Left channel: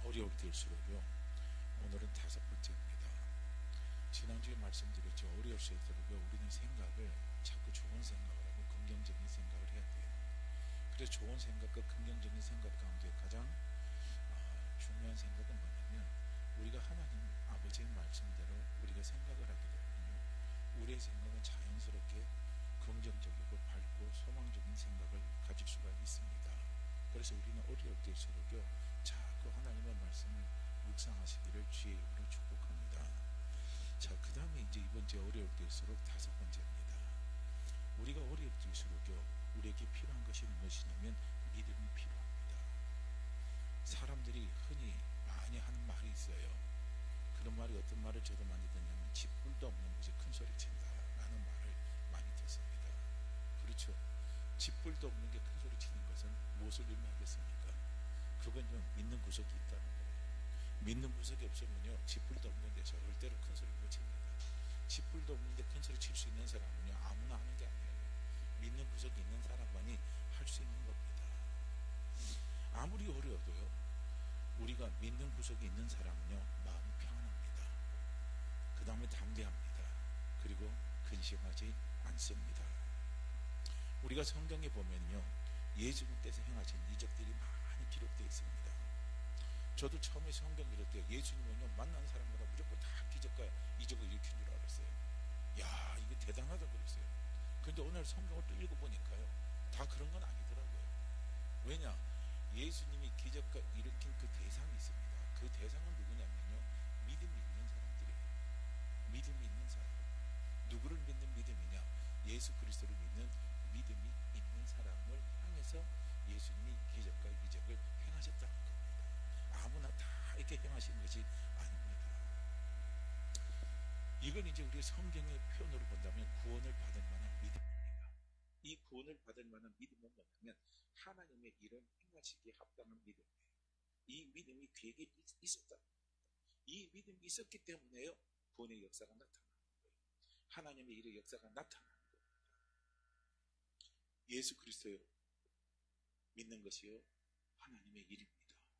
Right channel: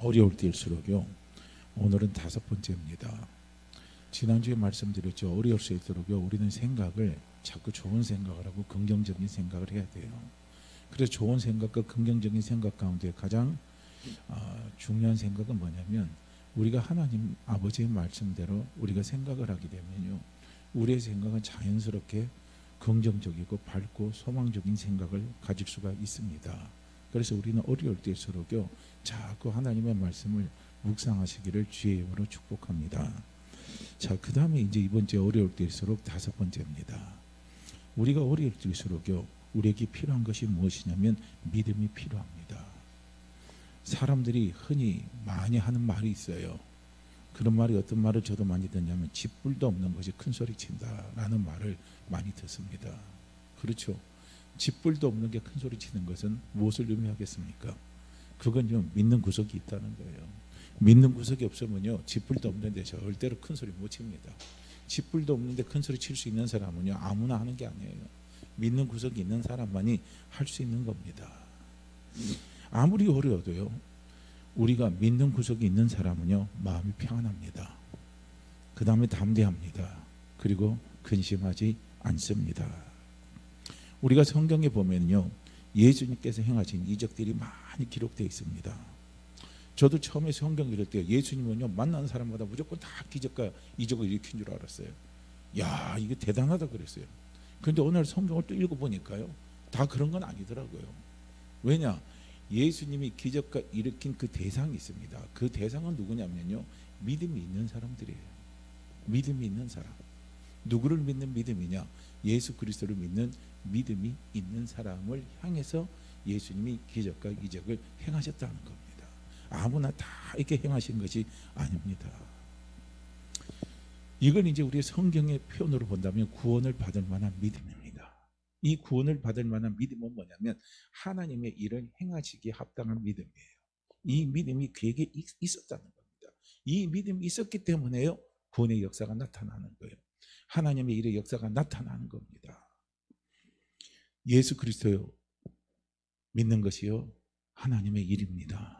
어려울 때일수록요. 오늘은 5번째입니다. 지난주에 말씀드렸죠. 어려울 수 있도록요. 우리는 생각을 자꾸 좋은 생각을 하고 긍정적인 생각을 해야 돼요. 그래서 좋은 생각과 긍정적인 생각 가운데 가장 중요한 생각은 뭐냐면 우리가 하나님 아버지의 말씀대로 우리가 생각을 하게 되면요. 우리의 생각은 자연스럽게 긍정적이고 밝고 소망적인 생각을 가질 수가 있습니다. 그래서 우리는 어려울 때일수록요. 자꾸 하나님의 말씀을 묵상하시기를 주의 이름으로 축복합니다. 자, 그 다음에 이제 이번 주에 어려울 때일수록 5번째입니다. 우리가 어려울 때일수록요. 우리에게 필요한 것이 무엇이냐면 믿음이 필요합니다. 사람들이 흔히 많이 하는 말이 있어요. 그런 말이 어떤 말을 저도 많이 듣냐면 쥐뿔도 없는 것이 큰 소리 친다라는 말을 많이 듣습니다. 그렇죠. 쥐뿔도 없는 게 큰 소리 치는 것은 무엇을 의미하겠습니까? 그건요, 믿는 구석이 있다는 거예요. 믿는 구석이 없으면요, 쥐뿔도 없는데 절대로 큰 소리 못 칩니다. 쥐뿔도 없는데 큰 소리 칠 수 있는 사람은요, 아무나 하는 게 아니에요. 믿는 구석이 있는 사람만이 할 수 있는 겁니다. 아무리 어려워도요, 우리가 믿는 구석이 있는 사람은요, 마음이 평안합니다. 그 다음에 담대합니다. 그리고 근심하지 않습니다. 우리가 성경에 보면요, 예수님께서 행하신 이적들이 많이 기록되어 있습니다. 저도 처음에 성경 읽을 때 예수님은요, 만나는 사람마다 무조건 다 기적과 이적을 일으킨 줄 알았어요. 야, 이게 대단하다 그랬어요. 그런데 오늘 성경을 또 읽어보니까요, 다 그런 건 아니더라고요. 왜냐? 예수님이 기적과 일으킨 그 대상이 있습니다. 그 대상은 누구냐면요, 믿음이 있는 사람들이에요. 믿음이 있는 사람. 누구를 믿는 믿음이냐? 예수 그리스도를 믿는 믿음이 있는 사람을 향해서 예수님이 기적과 이적을 행하셨다는 겁니다. 아무나 다 이렇게 행하신 것이 아닙니다. 이건 이제 우리 성경의 표현으로 본다면 구원을 받을 만한 믿음입니다. 이 구원을 받을 만한 믿음은 뭐냐면 하나님의 일을 행하시기에 합당한 믿음이에요. 이 믿음이 그에게 있었다는 겁니다. 이 믿음이 있었기 때문에요, 구원의 역사가 나타나는 거예요. 하나님의 일의 역사가 나타나는 겁니다. 예수 그리스도요, 믿는 것이요, 하나님의 일입니다.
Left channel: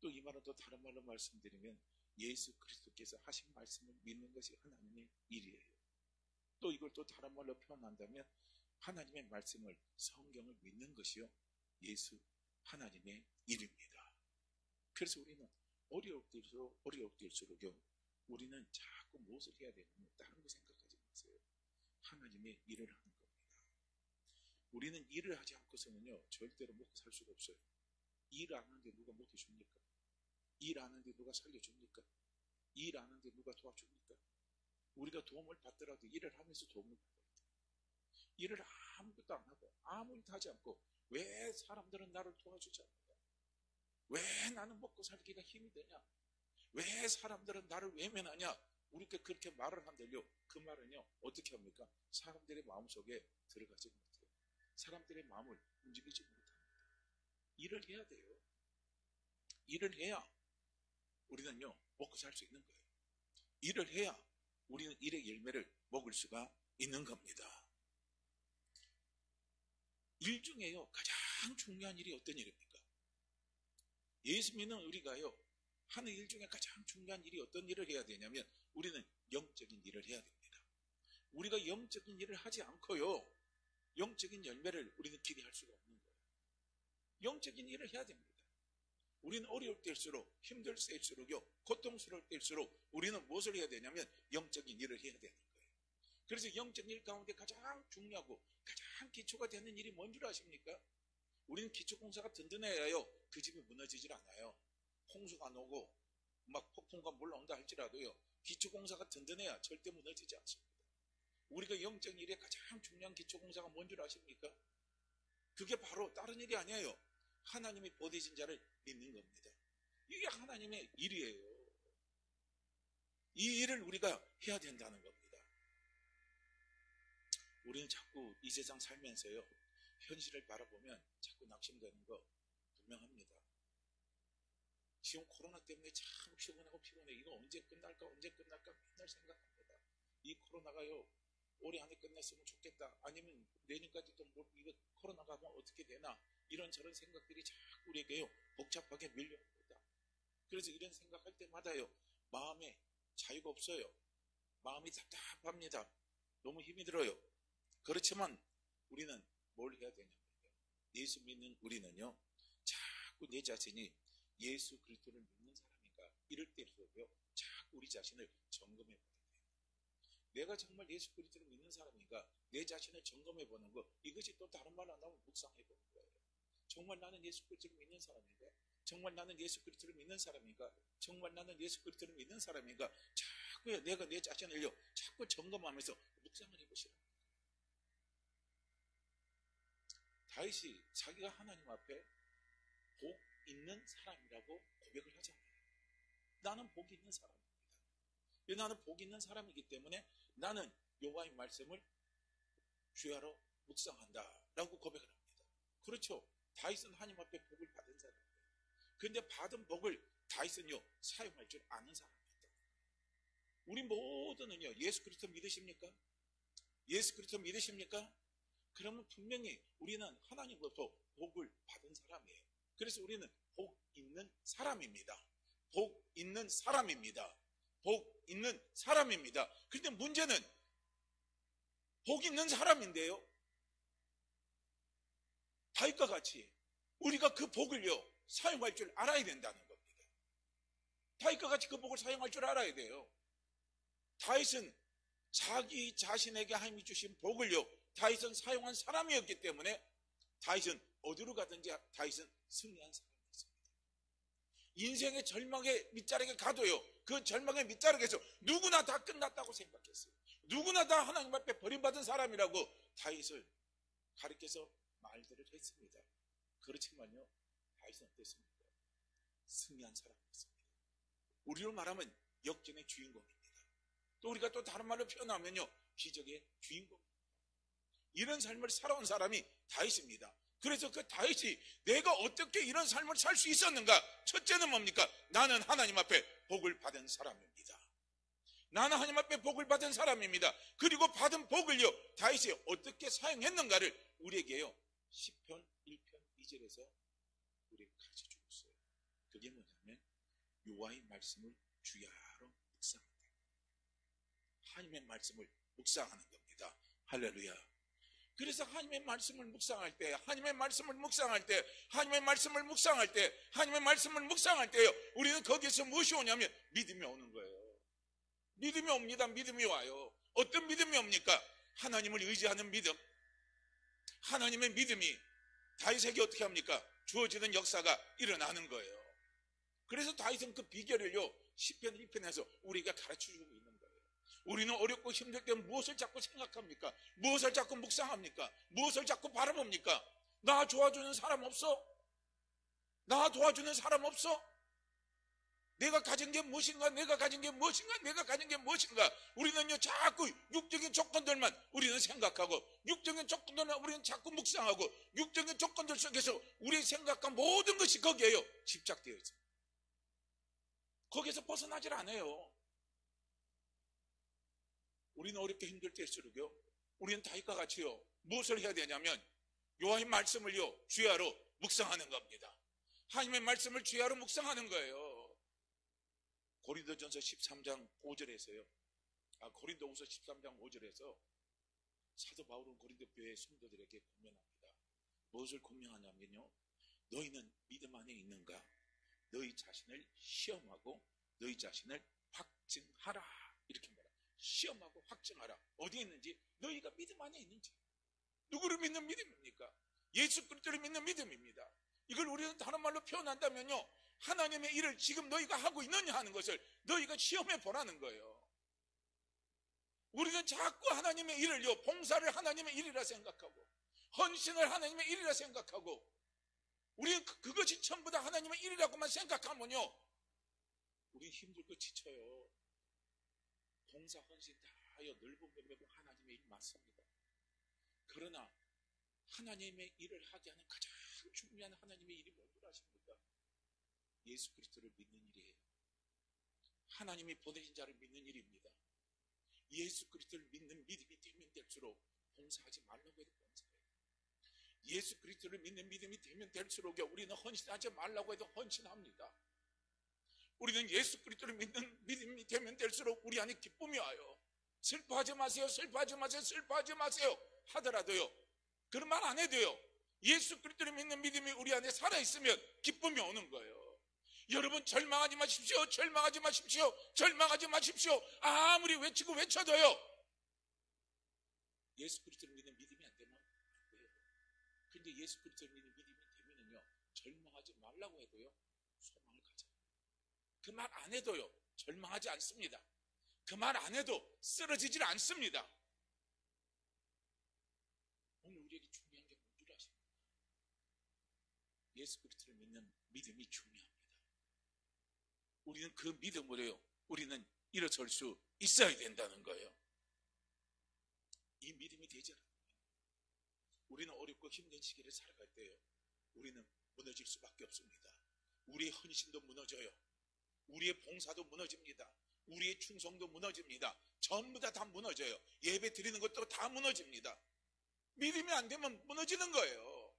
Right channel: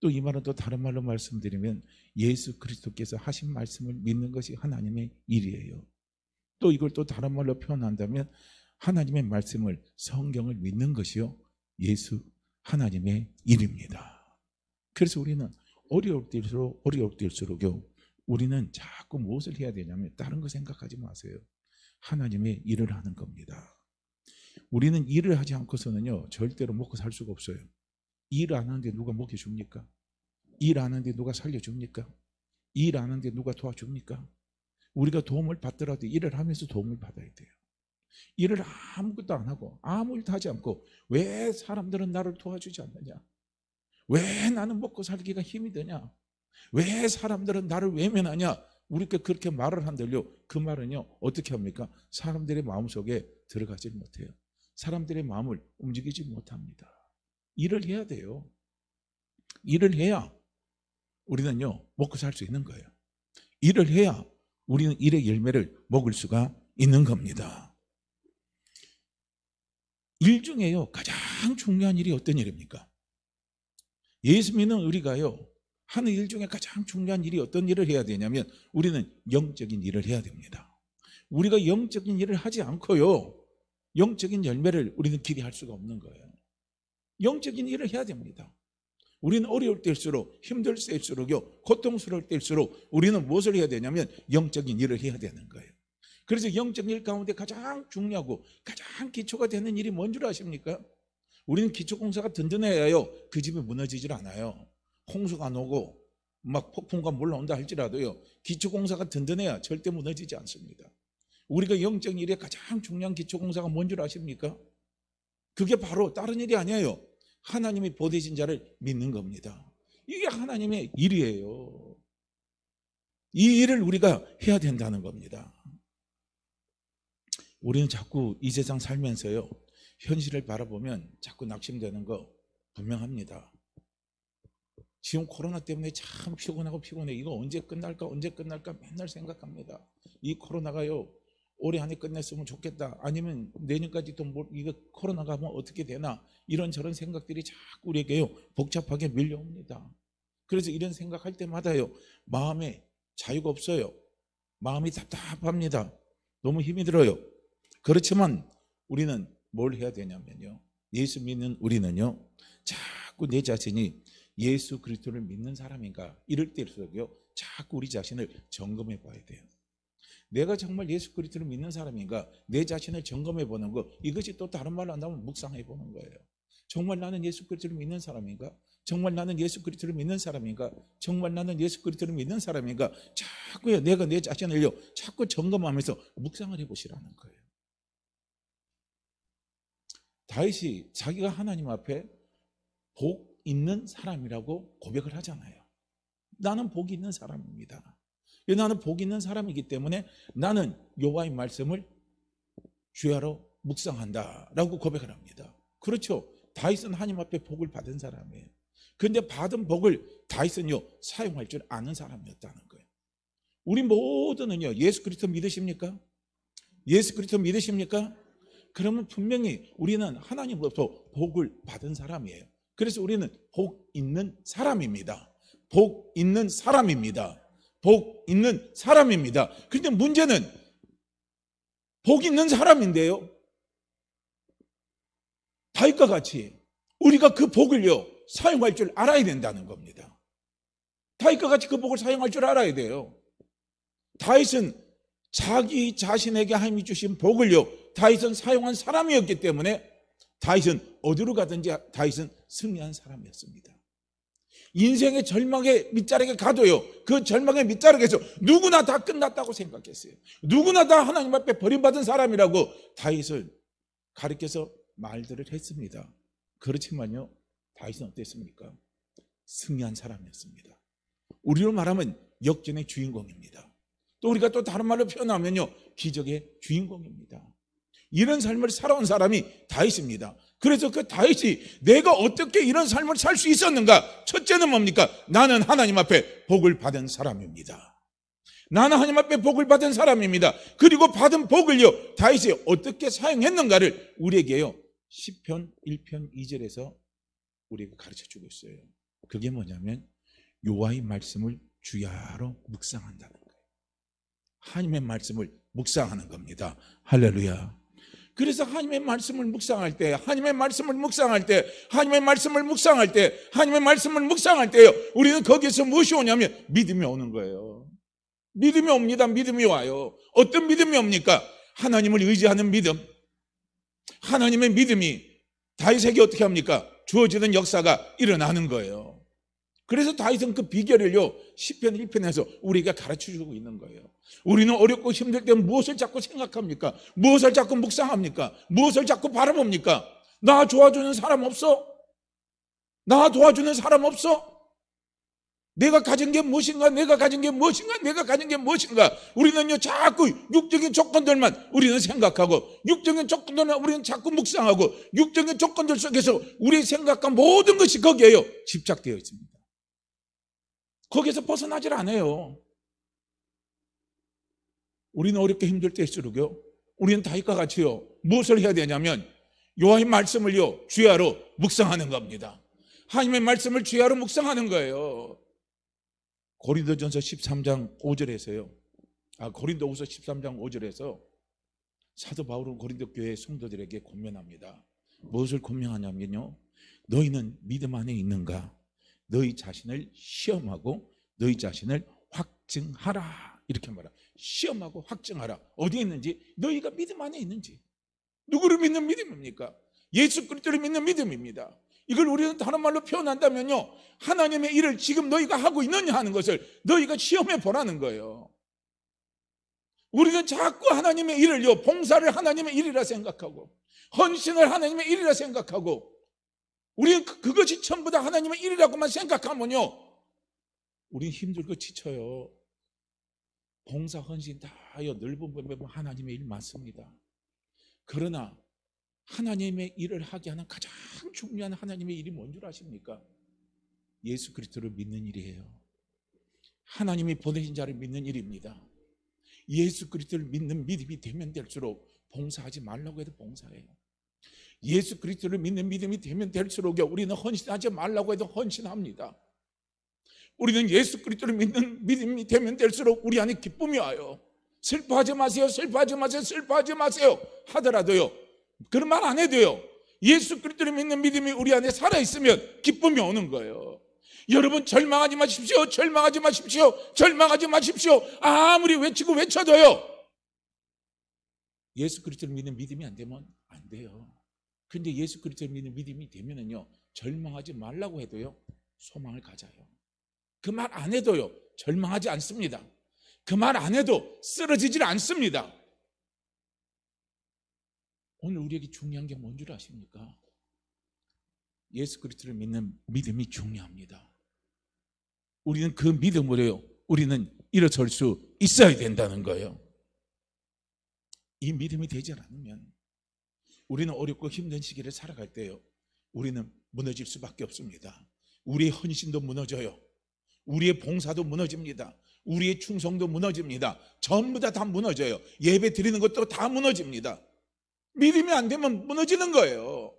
또 이 말은 또 다른 말로 말씀드리면 예수 그리스도께서 하신 말씀을 믿는 것이 하나님의 일이에요. 또 이걸 또 다른 말로 표현한다면 하나님의 말씀을, 성경을 믿는 것이요, 예수 하나님의 일입니다. 그래서 우리는 어려울 때일수록요, 우리는 자꾸 무엇을 해야 되냐면 다른 거 생각하지 마세요. 하나님의 일을 하는 겁니다. 우리는 일을 하지 않고서는요, 절대로 먹고 살 수가 없어요. 일 안 하는데 누가 먹여줍니까? 일 안 하는데 누가 살려줍니까? 일 안 하는데 누가 도와줍니까? 우리가 도움을 받더라도 일을 하면서 도움을 받아야 돼요. 일을 아무것도 안 하고 아무 일도 하지 않고 왜 사람들은 나를 도와주지 않느냐? 왜 나는 먹고 살기가 힘이 드냐? 왜 사람들은 나를 외면하냐? 우리께 그렇게 말을 한들요, 그 말은요, 어떻게 합니까? 사람들의 마음속에 들어가지 못해요. 사람들의 마음을 움직이지 못합니다. 일을 해야 돼요. 일을 해야 우리는요, 먹고 살 수 있는 거예요. 일을 해야 우리는 일의 열매를 먹을 수가 있는 겁니다. 일 중에요, 가장 중요한 일이 어떤 일입니까? 예수 믿는 우리가요, 하는 일 중에 가장 중요한 일이 어떤 일을 해야 되냐면 우리는 영적인 일을 해야 됩니다. 우리가 영적인 일을 하지 않고요, 영적인 열매를 우리는 기대할 수가 없는 거예요. 영적인 일을 해야 됩니다. 우리는 어려울 때일수록, 힘들 때일수록요, 고통스러울 때일수록 우리는 무엇을 해야 되냐면 영적인 일을 해야 되는 거예요. 그래서 영적인 일 가운데 가장 중요하고 가장 기초가 되는 일이 뭔 줄 아십니까? 우리는 기초공사가 든든해야요, 그 집이 무너지질 않아요. 홍수가 안 오고 막 폭풍과 몰라온다 할지라도요, 기초공사가 든든해야 절대 무너지지 않습니다. 우리가 영적인 일에 가장 중요한 기초공사가 뭔 줄 아십니까? 그게 바로 다른 일이 아니에요. 하나님이 보내신 자를 믿는 겁니다. 이게 하나님의 일이에요. 이 일을 우리가 해야 된다는 겁니다. 우리는 자꾸 이 세상 살면서요, 현실을 바라보면 자꾸 낙심되는 거 분명합니다. 지금 코로나 때문에 참 피곤하고 피곤해. 이거 언제 끝날까 맨날 생각합니다. 이 코로나가요, 올해 안에 끝냈으면 좋겠다. 아니면 내년까지 또 이거 코로나가 뭐 어떻게 되나, 이런저런 생각들이 자꾸 우리에게요, 복잡하게 밀려옵니다. 그래서 이런 생각할 때마다요, 마음에 자유가 없어요. 마음이 답답합니다. 너무 힘이 들어요. 그렇지만 우리는 뭘 해야 되냐면요, 예수 믿는 우리는요, 자꾸 내 자신이 예수 그리스도를 믿는 사람인가, 이럴 때일수록요, 자꾸 우리 자신을 점검해 봐야 돼요. 내가 정말 예수 그리스도를 믿는 사람인가, 내 자신을 점검해 보는 거, 이것이 또 다른 말로 한다면 묵상해 보는 거예요. 정말 나는 예수 그리스도를 믿는 사람인가? 정말 나는 예수 그리스도를 믿는 사람인가? 정말 나는 예수 그리스도를 믿는 사람인가? 자꾸요, 내가 내 자신을요, 자꾸 점검하면서 묵상을 해보시라는 거예요. 다윗이 자기가 하나님 앞에 복 있는 사람이라고 고백을 하잖아요. 나는 복이 있는 사람입니다. 나는 복이 있는 사람이기 때문에 나는 여호와의 말씀을 주야로 묵상한다 라고 고백을 합니다. 그렇죠. 다윗은 하나님 앞에 복을 받은 사람이에요. 그런데 받은 복을 다윗은요, 사용할 줄 아는 사람이었다는 거예요. 우리 모두는요, 예수 그리스도 믿으십니까? 예수 그리스도 믿으십니까? 그러면 분명히 우리는 하나님으로부터 복을 받은 사람이에요. 그래서 우리는 복 있는 사람입니다. 복 있는 사람입니다. 복 있는 사람입니다. 그런데 문제는 복 있는 사람인데요, 다윗과 같이 우리가 그 복을요, 사용할 줄 알아야 된다는 겁니다. 다윗과 같이 그 복을 사용할 줄 알아야 돼요. 다윗은 자기 자신에게 하나님이 주신 복을요, 다윗은 사용한 사람이었기 때문에 다윗은 어디로 가든지 다윗은 승리한 사람이었습니다. 인생의 절망의 밑자락에 가도요, 그 절망의 밑자락에서 누구나 다 끝났다고 생각했어요. 누구나 다 하나님 앞에 버림받은 사람이라고 다윗을 가리켜서 말들을 했습니다. 그렇지만요, 다윗은 어땠습니까? 승리한 사람이었습니다. 우리로 말하면 역전의 주인공입니다. 또 우리가 또 다른 말로 표현하면요, 기적의 주인공입니다. 이런 삶을 살아온 사람이 다윗입니다. 그래서 그 다윗이 내가 어떻게 이런 삶을 살 수 있었는가? 첫째는 뭡니까? 나는 하나님 앞에 복을 받은 사람입니다. 나는 하나님 앞에 복을 받은 사람입니다. 그리고 받은 복을요, 다윗이 어떻게 사용했는가를 우리에게요, 시편 1편 2절에서 우리에게 가르쳐주고 있어요. 그게 뭐냐면 여호와의 말씀을 주야로 묵상한다는 거예요. 하나님의 말씀을 묵상하는 겁니다. 할렐루야. 그래서 하나님의 말씀을 묵상할 때, 하나님의 말씀을 묵상할 때, 하나님의 말씀을 묵상할 때, 하나님의 말씀을 묵상할 때요, 우리는 거기에서 무엇이 오냐면 믿음이 오는 거예요. 믿음이 옵니다. 믿음이 와요. 어떤 믿음이 옵니까? 하나님을 의지하는 믿음. 하나님의 믿음이 다윗에게 어떻게 합니까? 주어지는 역사가 일어나는 거예요. 그래서 다윗은 그 비결을요, 시편 1편에서 우리에게 가르쳐주고 있는 거예요. 우리는 어렵고 힘들 때 무엇을 자꾸 생각합니까? 무엇을 자꾸 묵상합니까? 무엇을 자꾸 바라봅니까? 나 도와주는 사람 없어? 나 도와주는 사람 없어? 내가 가진 게 무엇인가? 내가 가진 게 무엇인가? 내가 가진 게 무엇인가? 우리는요, 자꾸 육적인 조건들만 우리는 생각하고, 육적인 조건들만 우리는 자꾸 묵상하고, 육적인 조건들 속에서 우리의 생각과 모든 것이 거기에요, 집착되어 있습니다. 거기에서 벗어나질 않아요. 우리는 어렵게 힘들 때일수록요, 우리는 다윗과 같이요, 무엇을 해야 되냐면 여호와의 말씀을요, 주야로 묵상하는 겁니다. 하나님의 말씀을 주야로 묵상하는 거예요. 고린도전서 13장 5절에서요, 고린도후서 13장 5절에서 사도 바울은 고린도 교회 성도들에게 권면합니다. 무엇을 권면하냐면요, 너희는 믿음 안에 있는가? 너희 자신을 시험하고 너희 자신을 확증하라, 이렇게 말합니다. 시험하고 확증하라. 어디에 있는지? 너희가 믿음 안에 있는지. 누구를 믿는 믿음입니까? 예수 그리스도를 믿는 믿음입니다. 이걸 우리는 다른 말로 표현한다면요, 하나님의 일을 지금 너희가 하고 있느냐 하는 것을 너희가 시험해 보라는 거예요. 우리는 자꾸 하나님의 일을요, 봉사를 하나님의 일이라 생각하고, 헌신을 하나님의 일이라 생각하고, 우리는 그것이 전부 다 하나님의 일이라고만 생각하면요, 우리는 힘들고 지쳐요. 봉사, 헌신 다요, 넓은 범위에 하나님의 일 맞습니다. 그러나 하나님의 일을 하게 하는 가장 중요한 하나님의 일이 뭔 줄 아십니까? 예수 그리스도를 믿는 일이에요. 하나님이 보내신 자를 믿는 일입니다. 예수 그리스도를 믿는 믿음이 되면 될수록 봉사하지 말라고 해도 봉사해요. 예수 그리스도를 믿는 믿음이 되면 될수록 우리는 헌신하지 말라고 해도 헌신합니다. 우리는 예수 그리스도를 믿는 믿음이 되면 될수록 우리 안에 기쁨이 와요. 슬퍼하지 마세요, 슬퍼하지 마세요, 슬퍼하지 마세요 하더라도요, 그런 말 안 해도요, 예수 그리스도를 믿는 믿음이 우리 안에 살아있으면 기쁨이 오는 거예요. 여러분, 절망하지 마십시오, 절망하지 마십시오, 절망하지 마십시오. 아무리 외치고 외쳐도요, 예수 그리스도를 믿는 믿음이 안 되면 안 돼요. 근데 예수 그리스도를 믿는 믿음이 되면은요, 절망하지 말라고 해도요, 소망을 가져요. 그 말 안 해도요, 절망하지 않습니다. 그 말 안 해도 쓰러지질 않습니다. 오늘 우리에게 중요한 게 뭔 줄 아십니까? 예수 그리스도를 믿는 믿음이 중요합니다. 우리는 그 믿음으로요, 우리는 일어설 수 있어야 된다는 거예요. 이 믿음이 되지 않으면 우리는 어렵고 힘든 시기를 살아갈 때요, 우리는 무너질 수밖에 없습니다. 우리의 헌신도 무너져요. 우리의 봉사도 무너집니다. 우리의 충성도 무너집니다. 전부 다 무너져요. 예배 드리는 것도 다 무너집니다. 믿음이 안 되면 무너지는 거예요.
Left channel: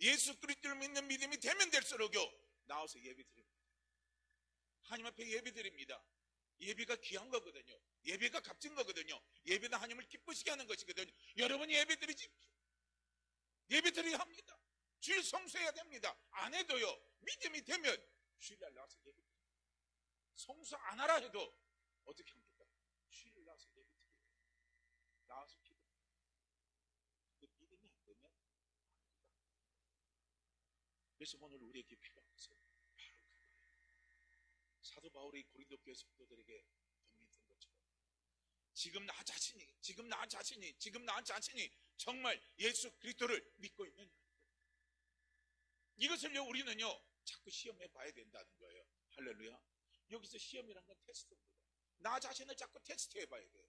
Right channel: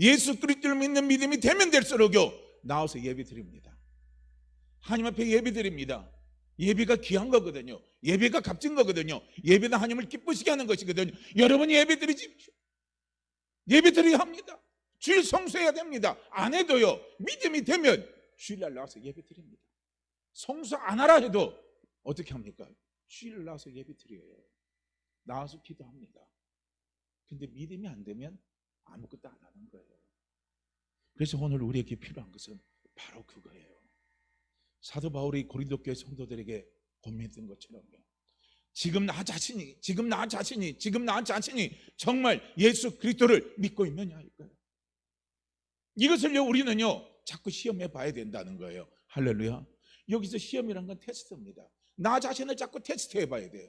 예수 그리스도를 믿는 믿음이 되면 될수록요, 나와서 예배 드립니다. 하나님 앞에 예배 드립니다. 예배가 귀한 거거든요. 예배가 값진 거거든요. 예배는 하나님을 기쁘시게 하는 것이거든요. 여러분, 예배 드리십시오. 예배 드려야 합니다. 주일 성수해야 됩니다. 안 해도요, 믿음이 되면 주일날 나와서 예배 드립니다. 성수 안 하라 해도 어떻게 합니까? 주일 나와서 예배 드려요. 나와서 기도합니다. 근데 믿음이 안 되면 아무것도 안 하는 거예요. 그래서 오늘 우리에게 필요한 것은 바로 그거예요. 사도 바울이 고린도 교회 성도들에게 고민했던 것처럼요, 지금 나 자신이 정말 예수 그리스도를 믿고 있느냐 이거예요. 이것을요, 우리는요 자꾸 시험해 봐야 된다는 거예요. 할렐루야. 여기서 시험이란 건 테스트입니다. 나 자신을 자꾸 테스트해 봐야 돼요.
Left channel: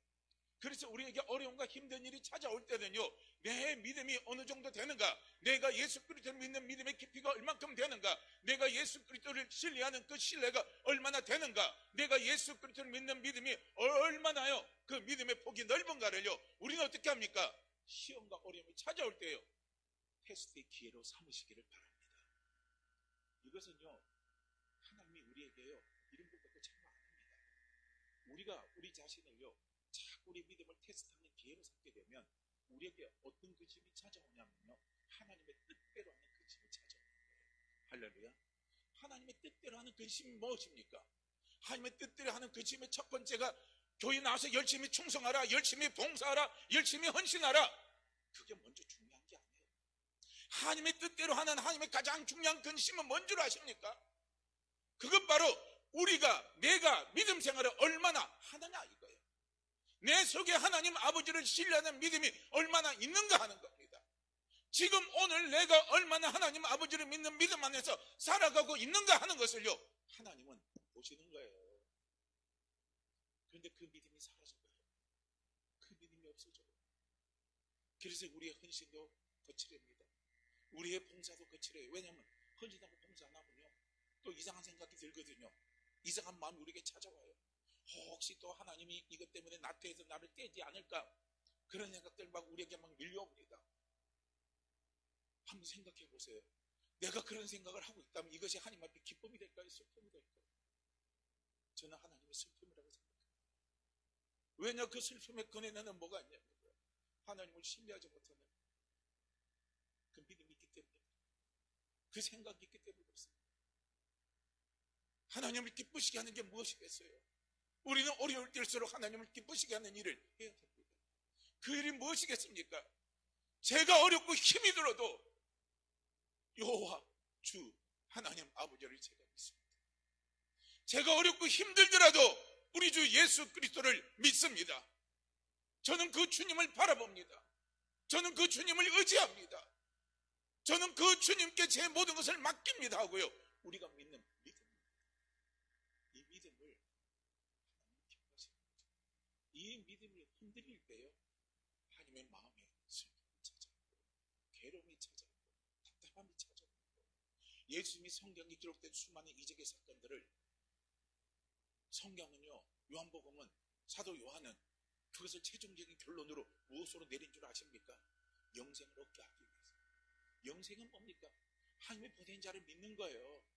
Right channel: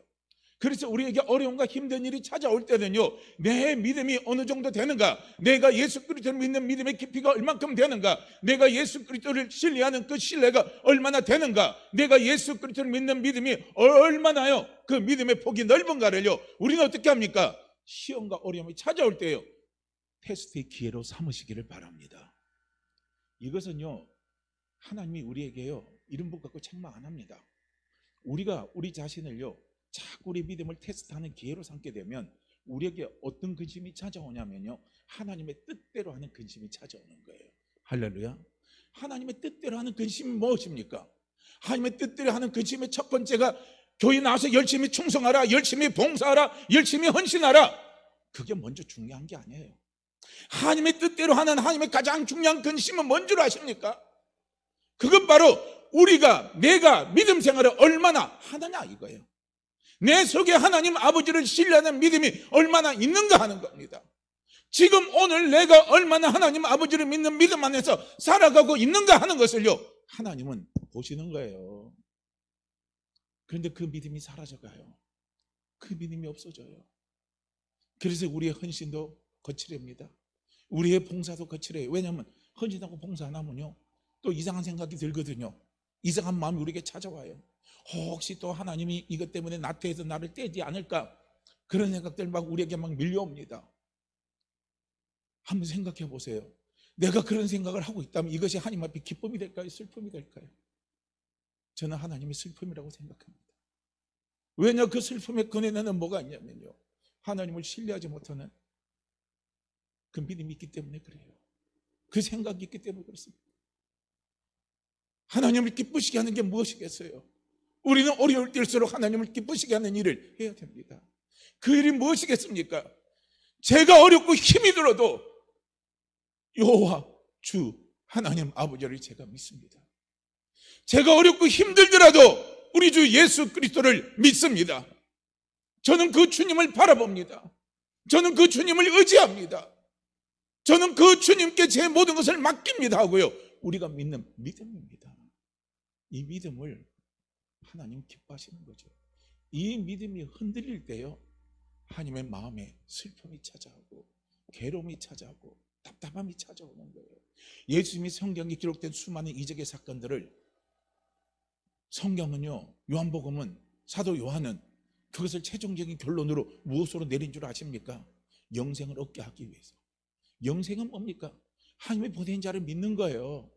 그래서 우리에게 어려움과 힘든 일이 찾아올 때는요, 내 믿음이 어느 정도 되는가, 내가 예수 그리스도를 믿는 믿음의 깊이가 얼만큼 되는가, 내가 예수 그리스도를 신뢰하는 그 신뢰가 얼마나 되는가, 내가 예수 그리스도를 믿는 믿음이 얼마나요, 그 믿음의 폭이 넓은가를요, 우리는 어떻게 합니까? 시험과 어려움이 찾아올 때요, 테스트의 기회로 삼으시기를 바랍니다. 이것은요, 하나님이 우리에게요 이런 법 갖고 책망 안 합니다. 우리가 우리 자신을요 자꾸 우리 믿음을 테스트하는 기회로 삼게 되면 우리에게 어떤 근심이 찾아오냐면요, 하나님의 뜻대로 하는 근심이 찾아오는 거예요. 할렐루야. 하나님의 뜻대로 하는 근심이 무엇입니까? 하나님의 뜻대로 하는 근심의 첫 번째가 교회 나와서 열심히 충성하라, 열심히 봉사하라, 열심히 헌신하라. 그게 먼저 중요한 게 아니에요. 하나님의 뜻대로 하는 하나님의 가장 중요한 근심은 뭔 줄 아십니까? 그건 바로 내가 믿음 생활을 얼마나 하느냐 이거예요. 내 속에 하나님 아버지를 신뢰하는 믿음이 얼마나 있는가 하는 겁니다. 지금 오늘 내가 얼마나 하나님 아버지를 믿는 믿음 안에서 살아가고 있는가 하는 것을요, 하나님은 보시는 거예요. 그런데 그 믿음이 사라져가요. 그 믿음이 없어져요. 그래서 우리의 헌신도 거칠입니다. 우리의 봉사도 거칠해요. 왜냐하면 헌신하고 봉사 안 하면요, 또 이상한 생각이 들거든요. 이상한 마음이 우리에게 찾아와요. 혹시 또 하나님이 이것 때문에 나태해서 나를 떼지 않을까, 그런 생각들 막 우리에게 막 밀려옵니다. 한번 생각해 보세요. 내가 그런 생각을 하고 있다면 이것이 하나님 앞에 기쁨이 될까요, 슬픔이 될까요? 저는 하나님의 슬픔이라고 생각합니다. 왜냐, 그 슬픔의 근원에는 뭐가 있냐면요, 하나님을 신뢰하지 못하는 그 믿음이 있기 때문에 그래요. 그 생각이 있기 때문에 그렇습니다. 하나님을 기쁘시게 하는 게 무엇이겠어요? 우리는 어려울 때일수록 하나님을 기쁘시게 하는 일을 해야 됩니다. 그 일이 무엇이겠습니까? 제가 어렵고 힘이 들어도 여호와 주 하나님 아버지를 제가 믿습니다. 제가 어렵고 힘들더라도 우리 주 예수 그리스도를 믿습니다. 저는 그 주님을 바라봅니다. 저는 그 주님을 의지합니다. 저는 그 주님께 제 모든 것을 맡깁니다 하고요, 우리가 믿는 믿음입니다. 이 믿음을 하나님 기뻐하시는 거죠. 이 믿음이 흔들릴 때요, 하나님의 마음에 슬픔이 찾아오고 괴로움이 찾아오고 답답함이 찾아오는 거예요. 예수님이 성경에 기록된 수많은 이적의 사건들을 성경은요, 요한복음은, 사도 요한은 그것을 최종적인 결론으로 무엇으로 내린 줄 아십니까? 영생을 얻게 하기 위해서. 영생은 뭡니까? 하나님의 보낸 자를 믿는 거예요.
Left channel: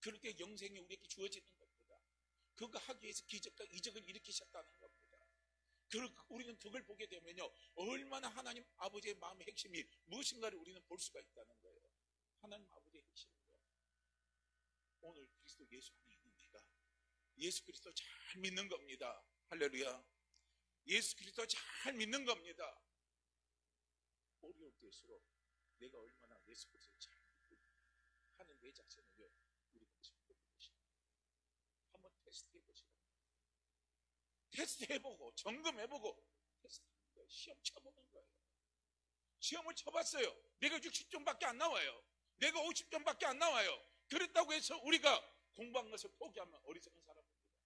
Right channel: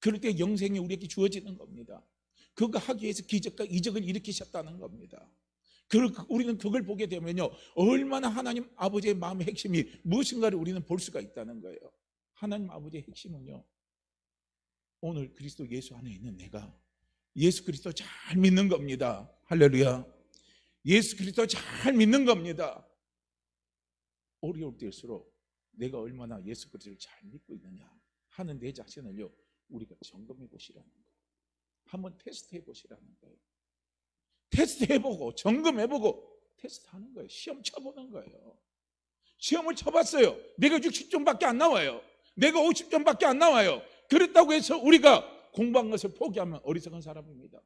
그럴 때 영생이 우리에게 주어지는 겁니다. 그거 하기 위해서 기적과 이적을 일으키셨다는 겁니다. 우리는 그걸 보게 되면요, 얼마나 하나님 아버지의 마음의 핵심이 무엇인가를 우리는 볼 수가 있다는 거예요. 하나님 아버지의 핵심은요, 오늘 그리스도 예수 안에 있는 내가 예수 그리스도 잘 믿는 겁니다. 할렐루야. 예수 그리스도 잘 믿는 겁니다. 어려울 때일수록 내가 얼마나 예수 그리스도를 잘 믿고 있느냐 하는 내 자신을요, 우리가 점검해 보시라는 거예요. 한번 테스트해 보시라는 거예요. 테스트해보고 점검해보고 테스트하는 거예요. 시험 쳐보는 거예요. 시험을 쳐봤어요. 내가 60점밖에 안 나와요. 내가 50점밖에 안 나와요. 그렇다고 해서 우리가 공부한 것을 포기하면 어리석은 사람입니다.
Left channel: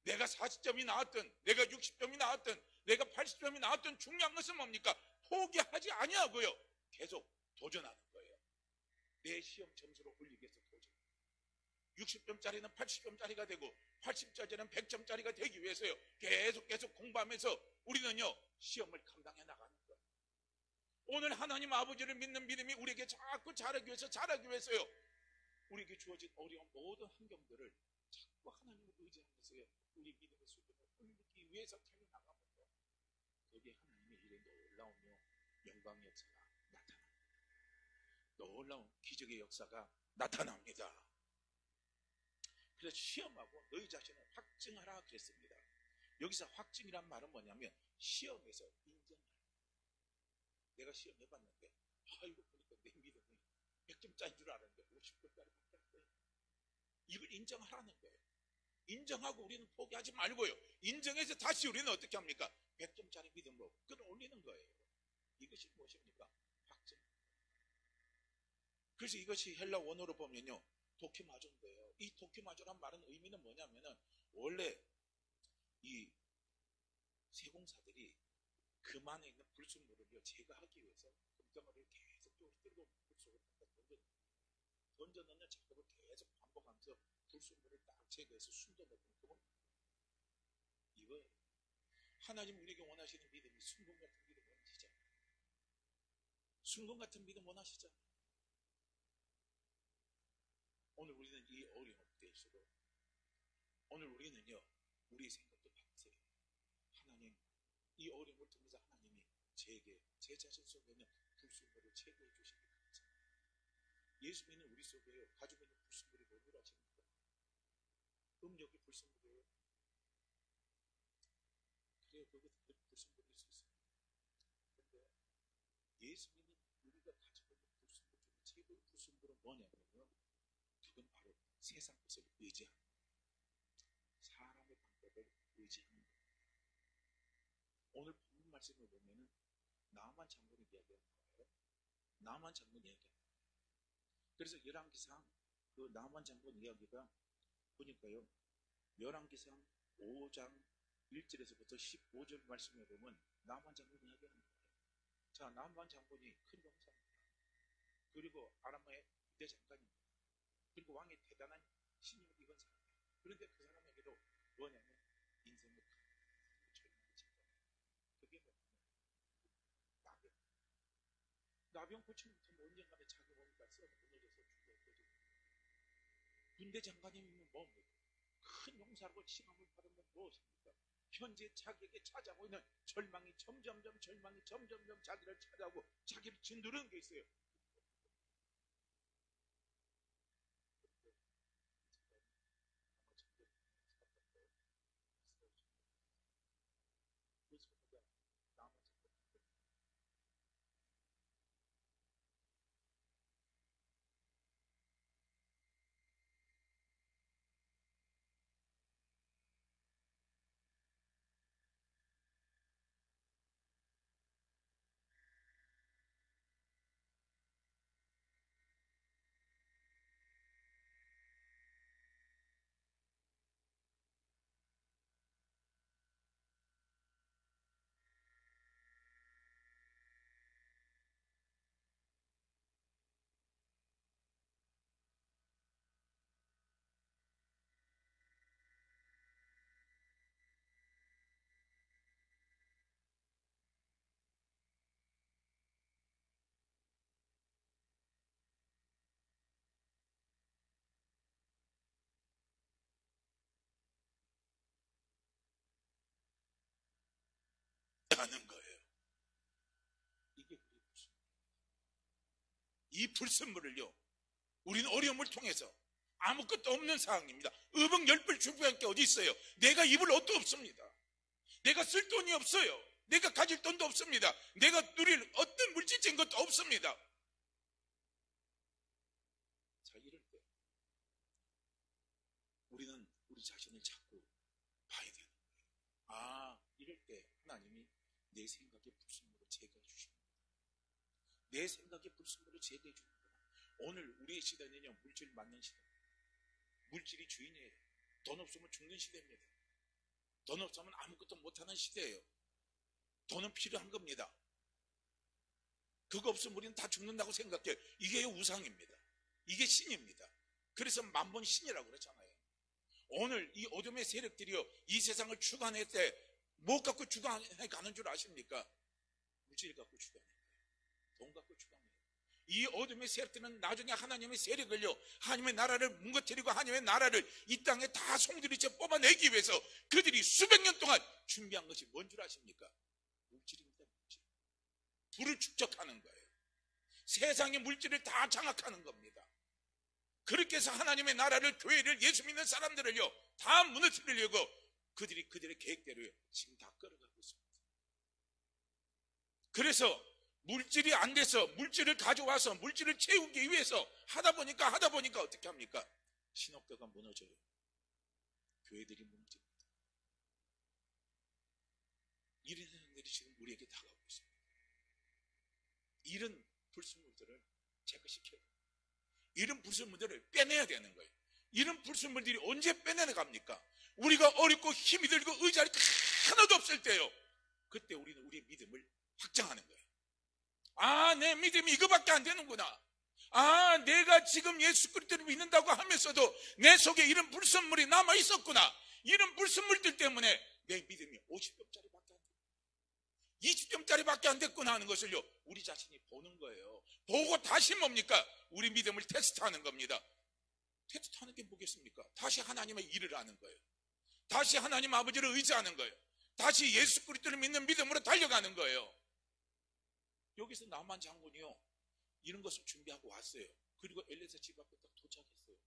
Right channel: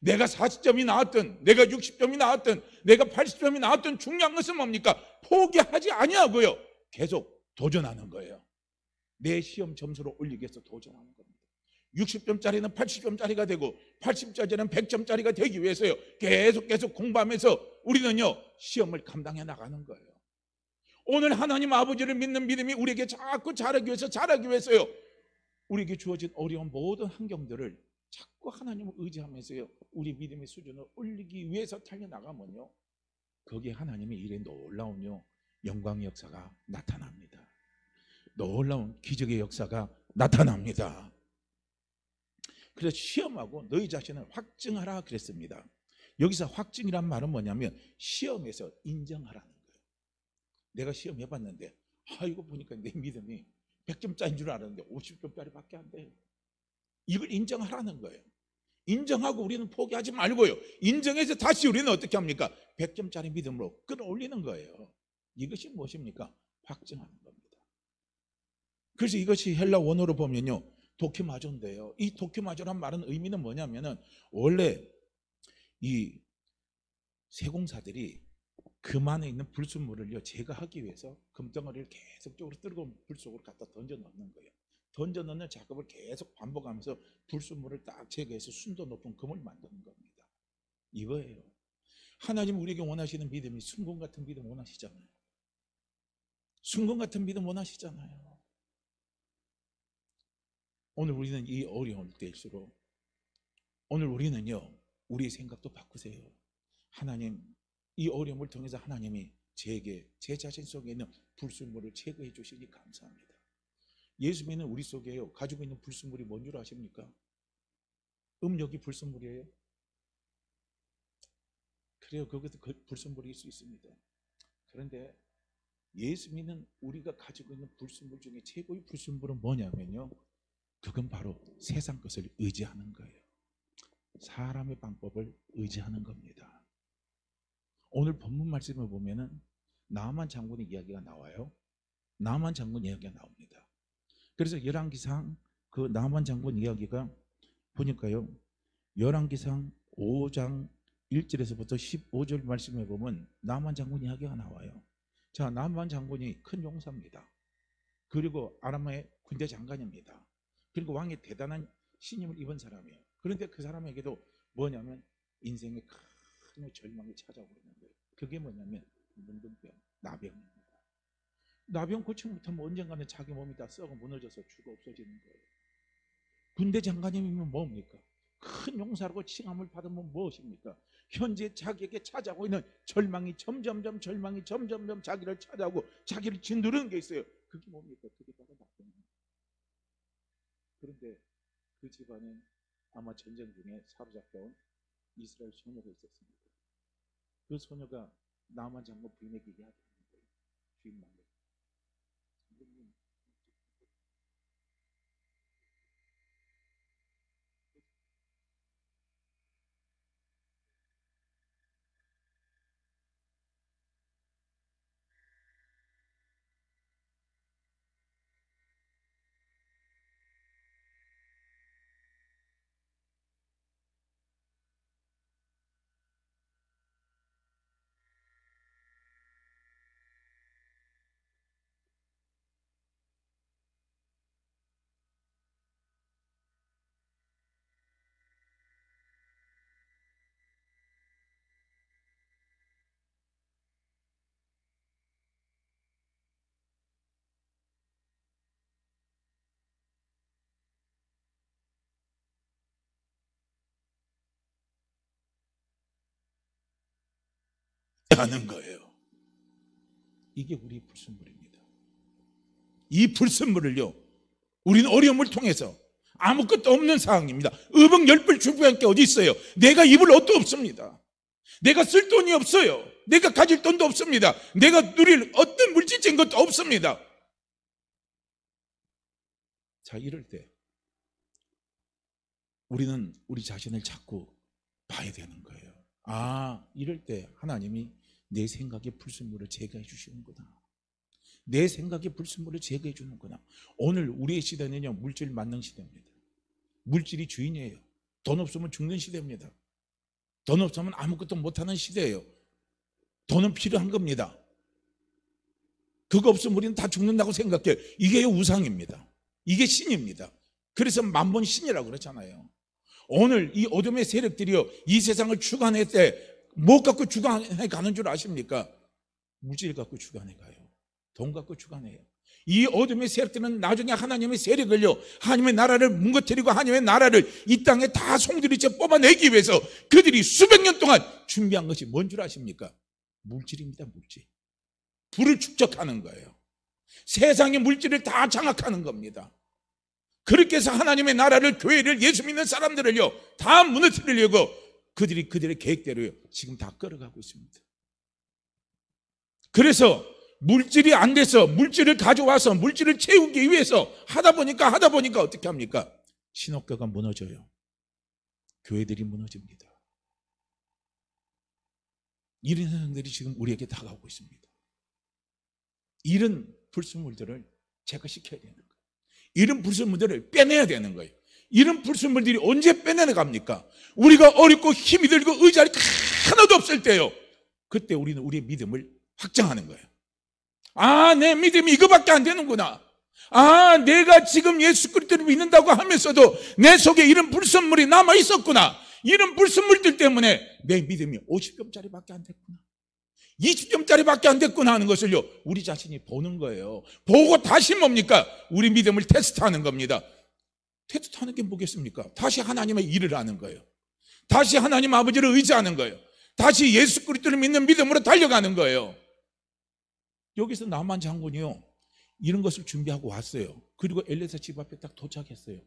내가 40점이 나왔든 내가 60점이 나왔든 내가 80점이 나왔든 중요한 것은 뭡니까? 포기하지 아니하고요, 계속 도전하는 거예요. 내 시험 점수를 올리기 위해서 도전하는 겁니다. 60점짜리는 80점짜리가 되고 80점짜리는 100점짜리가 되기 위해서요, 계속 공부하면서 우리는요, 시험을 감당해 나가는 거예요. 오늘 하나님 아버지를 믿는 믿음이 우리에게 자꾸 자라기 위해서요, 우리에게 주어진 어려운 모든 환경들을 자꾸 하나님을 의지하면서요, 우리 믿음의 수준을 올리기 위해서 달려나가면요, 거기에 하나님의 일에 놀라운 영광의 역사가 나타납니다. 놀라운 기적의 역사가 나타납니다. 그래서 시험하고 너희 자신을 확증하라 그랬습니다. 여기서 확증이란 말은 뭐냐면 시험에서 인정하라는 거예요. 내가 시험 해봤는데 이거 보니까 내 믿음이 100점짜리인 줄 알았는데 50점짜리밖에 안 돼요. 이걸 인정하라는 거예요. 인정하고 우리는 포기하지 말고요, 인정해서 다시 우리는 어떻게 합니까? 100점짜리 믿음으로 끌어올리는 거예요. 이것이 무엇입니까? 확증하는 겁니다. 그래서 이것이 헬라 원어로 보면요, 도키마조인데요, 이 도키마조란 말은 의미는 뭐냐면은 원래 이 세공사들이 금 안에 있는 불순물을요 제거하기 위해서 금덩어리를 계속적으로 뜨거운 불 속으로 갖다 던져 넣는 거예요. 던져 넣는 작업을 계속 반복하면서 불순물을 딱 제거해서 순도 높은 금을 만드는 겁니다. 이거예요. 하나님 우리에게 원하시는 믿음이 순금 같은 믿음 원하시잖아요. 순금 같은 믿음 원하시잖아요. 오늘 우리는 이 어려울 때일수록 오늘 우리는요, 우리의 생각도 바꾸세요. 하나님, 이 어려움을 통해서 하나님이 제게 제 자신 속에 있는 불순물을 제거해 주시니 감사합니다. 예수 믿는 우리 속에요, 가지고 있는 불순물이 뭔 줄 아십니까? 음욕이 불순물이에요. 그래요, 그것도 불순물일 수 있습니다. 그런데 예수 믿는 우리가 가지고 있는 불순물 중에 최고의 불순물은 뭐냐면요, 그건 바로 세상 것을 의지하는 거예요. 사람의 방법을 의지하는 겁니다. 오늘 본문 말씀을 보면은 나만 장군의 이야기가 나와요. 나만 장군 이야기가 나옵니다. 그래서 열왕기상 그 나만 장군 이야기가 보니까요, 열왕기상 5장 1절에서부터 15절 말씀에 보면 나만 장군 이야기가 나와요. 자, 나만 장군이 큰 용사입니다. 그리고 아람의 군대 장관입니다. 그리고 왕의 대단한 신임을 입은 사람이에요. 그런데 그 사람에게도 뭐냐면 인생의 큰 절망이 찾아오는 거예요. 그게 뭐냐면 문둥병, 나병입니다. 나병 고치 못하면 언젠가는 자기 몸이 다 썩어 무너져서 죽어 없어지는 거예요. 군대 장관님이면 뭡니까? 큰 용사라고 칭함을 받으면 무엇입니까? 현재 자기에게 찾아오고 있는 절망이 점점점 자기를 찾아오고 자기를 짓누르는 게 있어요. 그게 뭡니까? 그게 바로 나병입니다. 그런데 그 집안에 아마 전쟁 중에 사로잡혀온 이스라엘 소녀가 있었습니다. 그 소녀가 나만 장군 부인에게 얘기하는 거예요. 주인 말로. 하는 거예요. 이게 우리 불순물입니다. 이 불순물을요, 우리는 어려움을 통해서 아무것도 없는 상황입니다. 의복 10벌 주부할 게 어디 있어요? 내가 입을 옷도 없습니다. 내가 쓸 돈이 없어요. 내가 가질 돈도 없습니다. 내가 누릴 어떤 물질적인 것도 없습니다. 자, 이럴 때 우리는 우리 자신을 자꾸 봐야 되는 거예요. 아, 이럴 때 하나님이 내 생각의 불순물을 제거해 주시는구나. 내 생각의 불순물을 제거해 주는구나. 오늘 우리의 시대는요, 물질 만능 시대입니다. 물질이 주인이에요. 돈 없으면 죽는 시대입니다. 돈 없으면 아무것도 못하는 시대예요. 돈은 필요한 겁니다. 그거 없으면 우리는 다 죽는다고 생각해요. 이게 우상입니다. 이게 신입니다. 그래서 만번 신이라고 그러잖아요. 오늘 이 어둠의 세력들이요, 이 세상을 주관할 때 뭐 갖고 주관해 가는 줄 아십니까? 물질 갖고 주관해 가요. 돈 갖고 주관해요. 이 어둠의 세력들은 나중에 하나님의 세력을요, 하나님의 나라를 뭉거뜨리고 하나님의 나라를 이 땅에 다 송두리째 뽑아내기 위해서 그들이 수백 년 동안 준비한 것이 뭔 줄 아십니까? 물질입니다. 물질. 불을 축적하는 거예요. 세상의 물질을 다 장악하는 겁니다. 그렇게 해서 하나님의 나라를, 교회를, 예수 믿는 사람들을요, 다 무너뜨리려고 그들의 계획대로요, 지금 다 끌어가고 있습니다. 그래서 물질이 안 돼서 물질을 가져와서 물질을 채우기 위해서 하다 보니까 어떻게 합니까? 신학교가 무너져요. 교회들이 무너집니다. 이런 현상들이 지금 우리에게 다가오고 있습니다. 이런 불순물들을 제거시켜야 되는 거예요. 이런 불순물들을 빼내야 되는 거예요. 이런 불순물들이 언제 빼내나갑니까? 우리가 어렵고 힘이 들고 의지할 게 하나도 없을 때요, 그때 우리는 우리의 믿음을 확장하는 거예요. 아, 내 믿음이 이거밖에 안 되는구나. 아, 내가 지금 예수 그리스도를 믿는다고 하면서도 내 속에 이런 불순물이 남아 있었구나. 이런 불순물들 때문에 내 믿음이 50점짜리밖에 안 됐구나, 20점짜리밖에 안 됐구나 하는 것을요, 우리 자신이 보는 거예요. 보고 다시 뭡니까? 우리 믿음을 테스트하는 겁니다. 테스트하는 게 뭐겠습니까? 다시 하나님의 일을 하는 거예요. 다시 하나님 아버지를 의지하는 거예요. 다시 예수 그리스도를 믿는 믿음으로 달려가는 거예요. 여기서 나만 장군이요, 이런 것을 준비하고 왔어요. 그리고 엘리사 집 앞에 딱 도착했어요.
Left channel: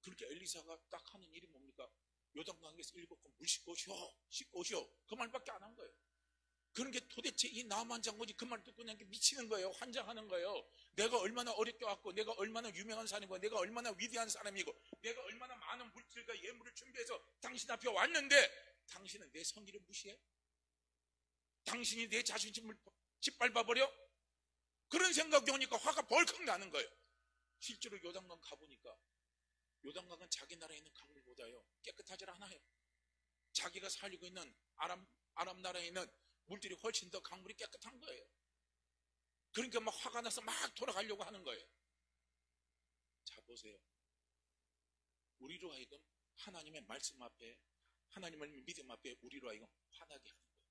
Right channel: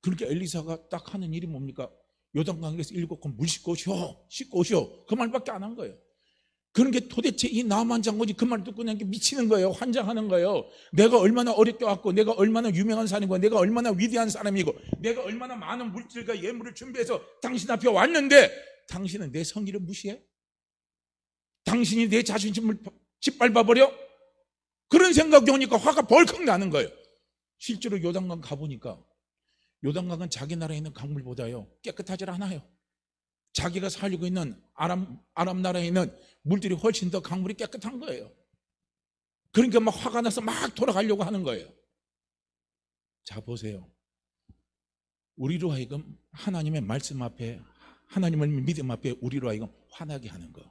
그렇게 엘리사가 딱 하는 일이 뭡니까? 요단강에서 7번 물 씻고 오시오. 그 말밖에 안 한 거예요. 그런 게 도대체 이 나만 장군이 그 말 듣고 그냥 미치는 거예요. 환장하는 거예요. 내가 얼마나 어렵게 왔고, 내가 얼마나 유명한 사람이고, 내가 얼마나 위대한 사람이고, 내가 얼마나 많은 물질과 예물을 준비해서 당신 앞에 왔는데 당신은 내 성의를 무시해? 당신이 내 자존심을 짓밟아버려? 그런 생각이 오니까 화가 벌컥 나는 거예요. 실제로 요단강 가보니까 요단강은 자기 나라에 있는 강물보다요 깨끗하지 않아요. 자기가 살고 있는 아람 나라에 있는 물들이 훨씬 더 강물이 깨끗한 거예요. 그러니까 막 화가 나서 막 돌아가려고 하는 거예요. 자, 보세요. 우리로 하여금 하나님의 말씀 앞에, 하나님을 믿음 앞에 우리로 하여금 화나게 하는 거,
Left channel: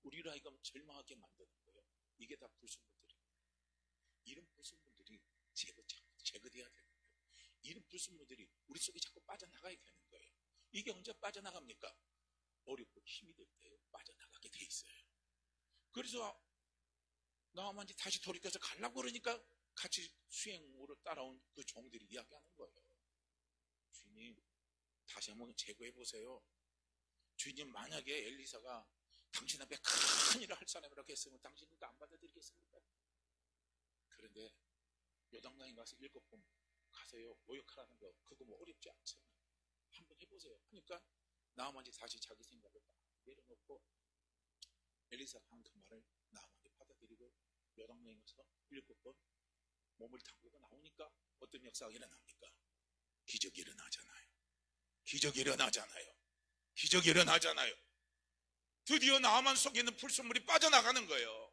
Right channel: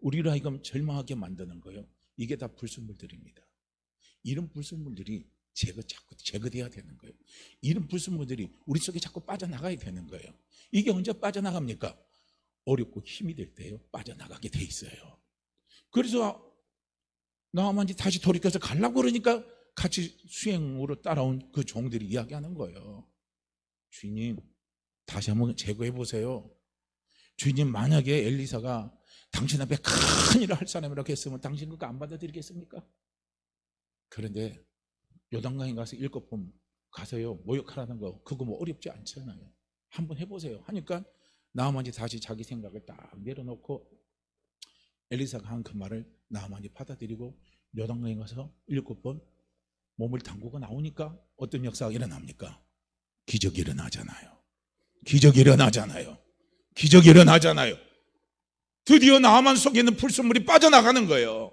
우리로 하여금 절망하게 만드는 거예요. 이게 다 불순물들입니다. 이런 불순물들이 자꾸 제거돼야 되는 거예요. 이런 불순물들이 우리 속에 자꾸 빠져나가야 되는 거예요. 이게 언제 빠져나갑니까? 어렵고 힘이 될 때요, 빠져나가게 돼 있어요. 그래서 나아만이 다시 돌이켜서 가려고 그러니까 같이 수행으로 따라온 그 종들이 이야기하는 거예요. 주인님, 다시 한번 제거해 보세요. 주인님, 만약에 엘리사가 당신 앞에 큰 일을 할 사람이라고 했으면 당신 그거 안 받아들이겠습니까? 그런데 요단강에 가서 7번 가서요 모욕하라는 거, 그거 뭐 어렵지 않잖아요. 한번 해보세요 하니까 나아만이 다시 자기 생각을 딱 내려놓고 엘리사가 한 그 말을 나아만이 받아들이고 요단강에 가서 7번 몸을 담그고 나오니까 어떤 역사가 일어납니까? 기적이 일어나잖아요. 기적이 일어나잖아요. 기적이 일어나잖아요. 드디어 나아만 속에 있는 불순물이 빠져나가는 거예요.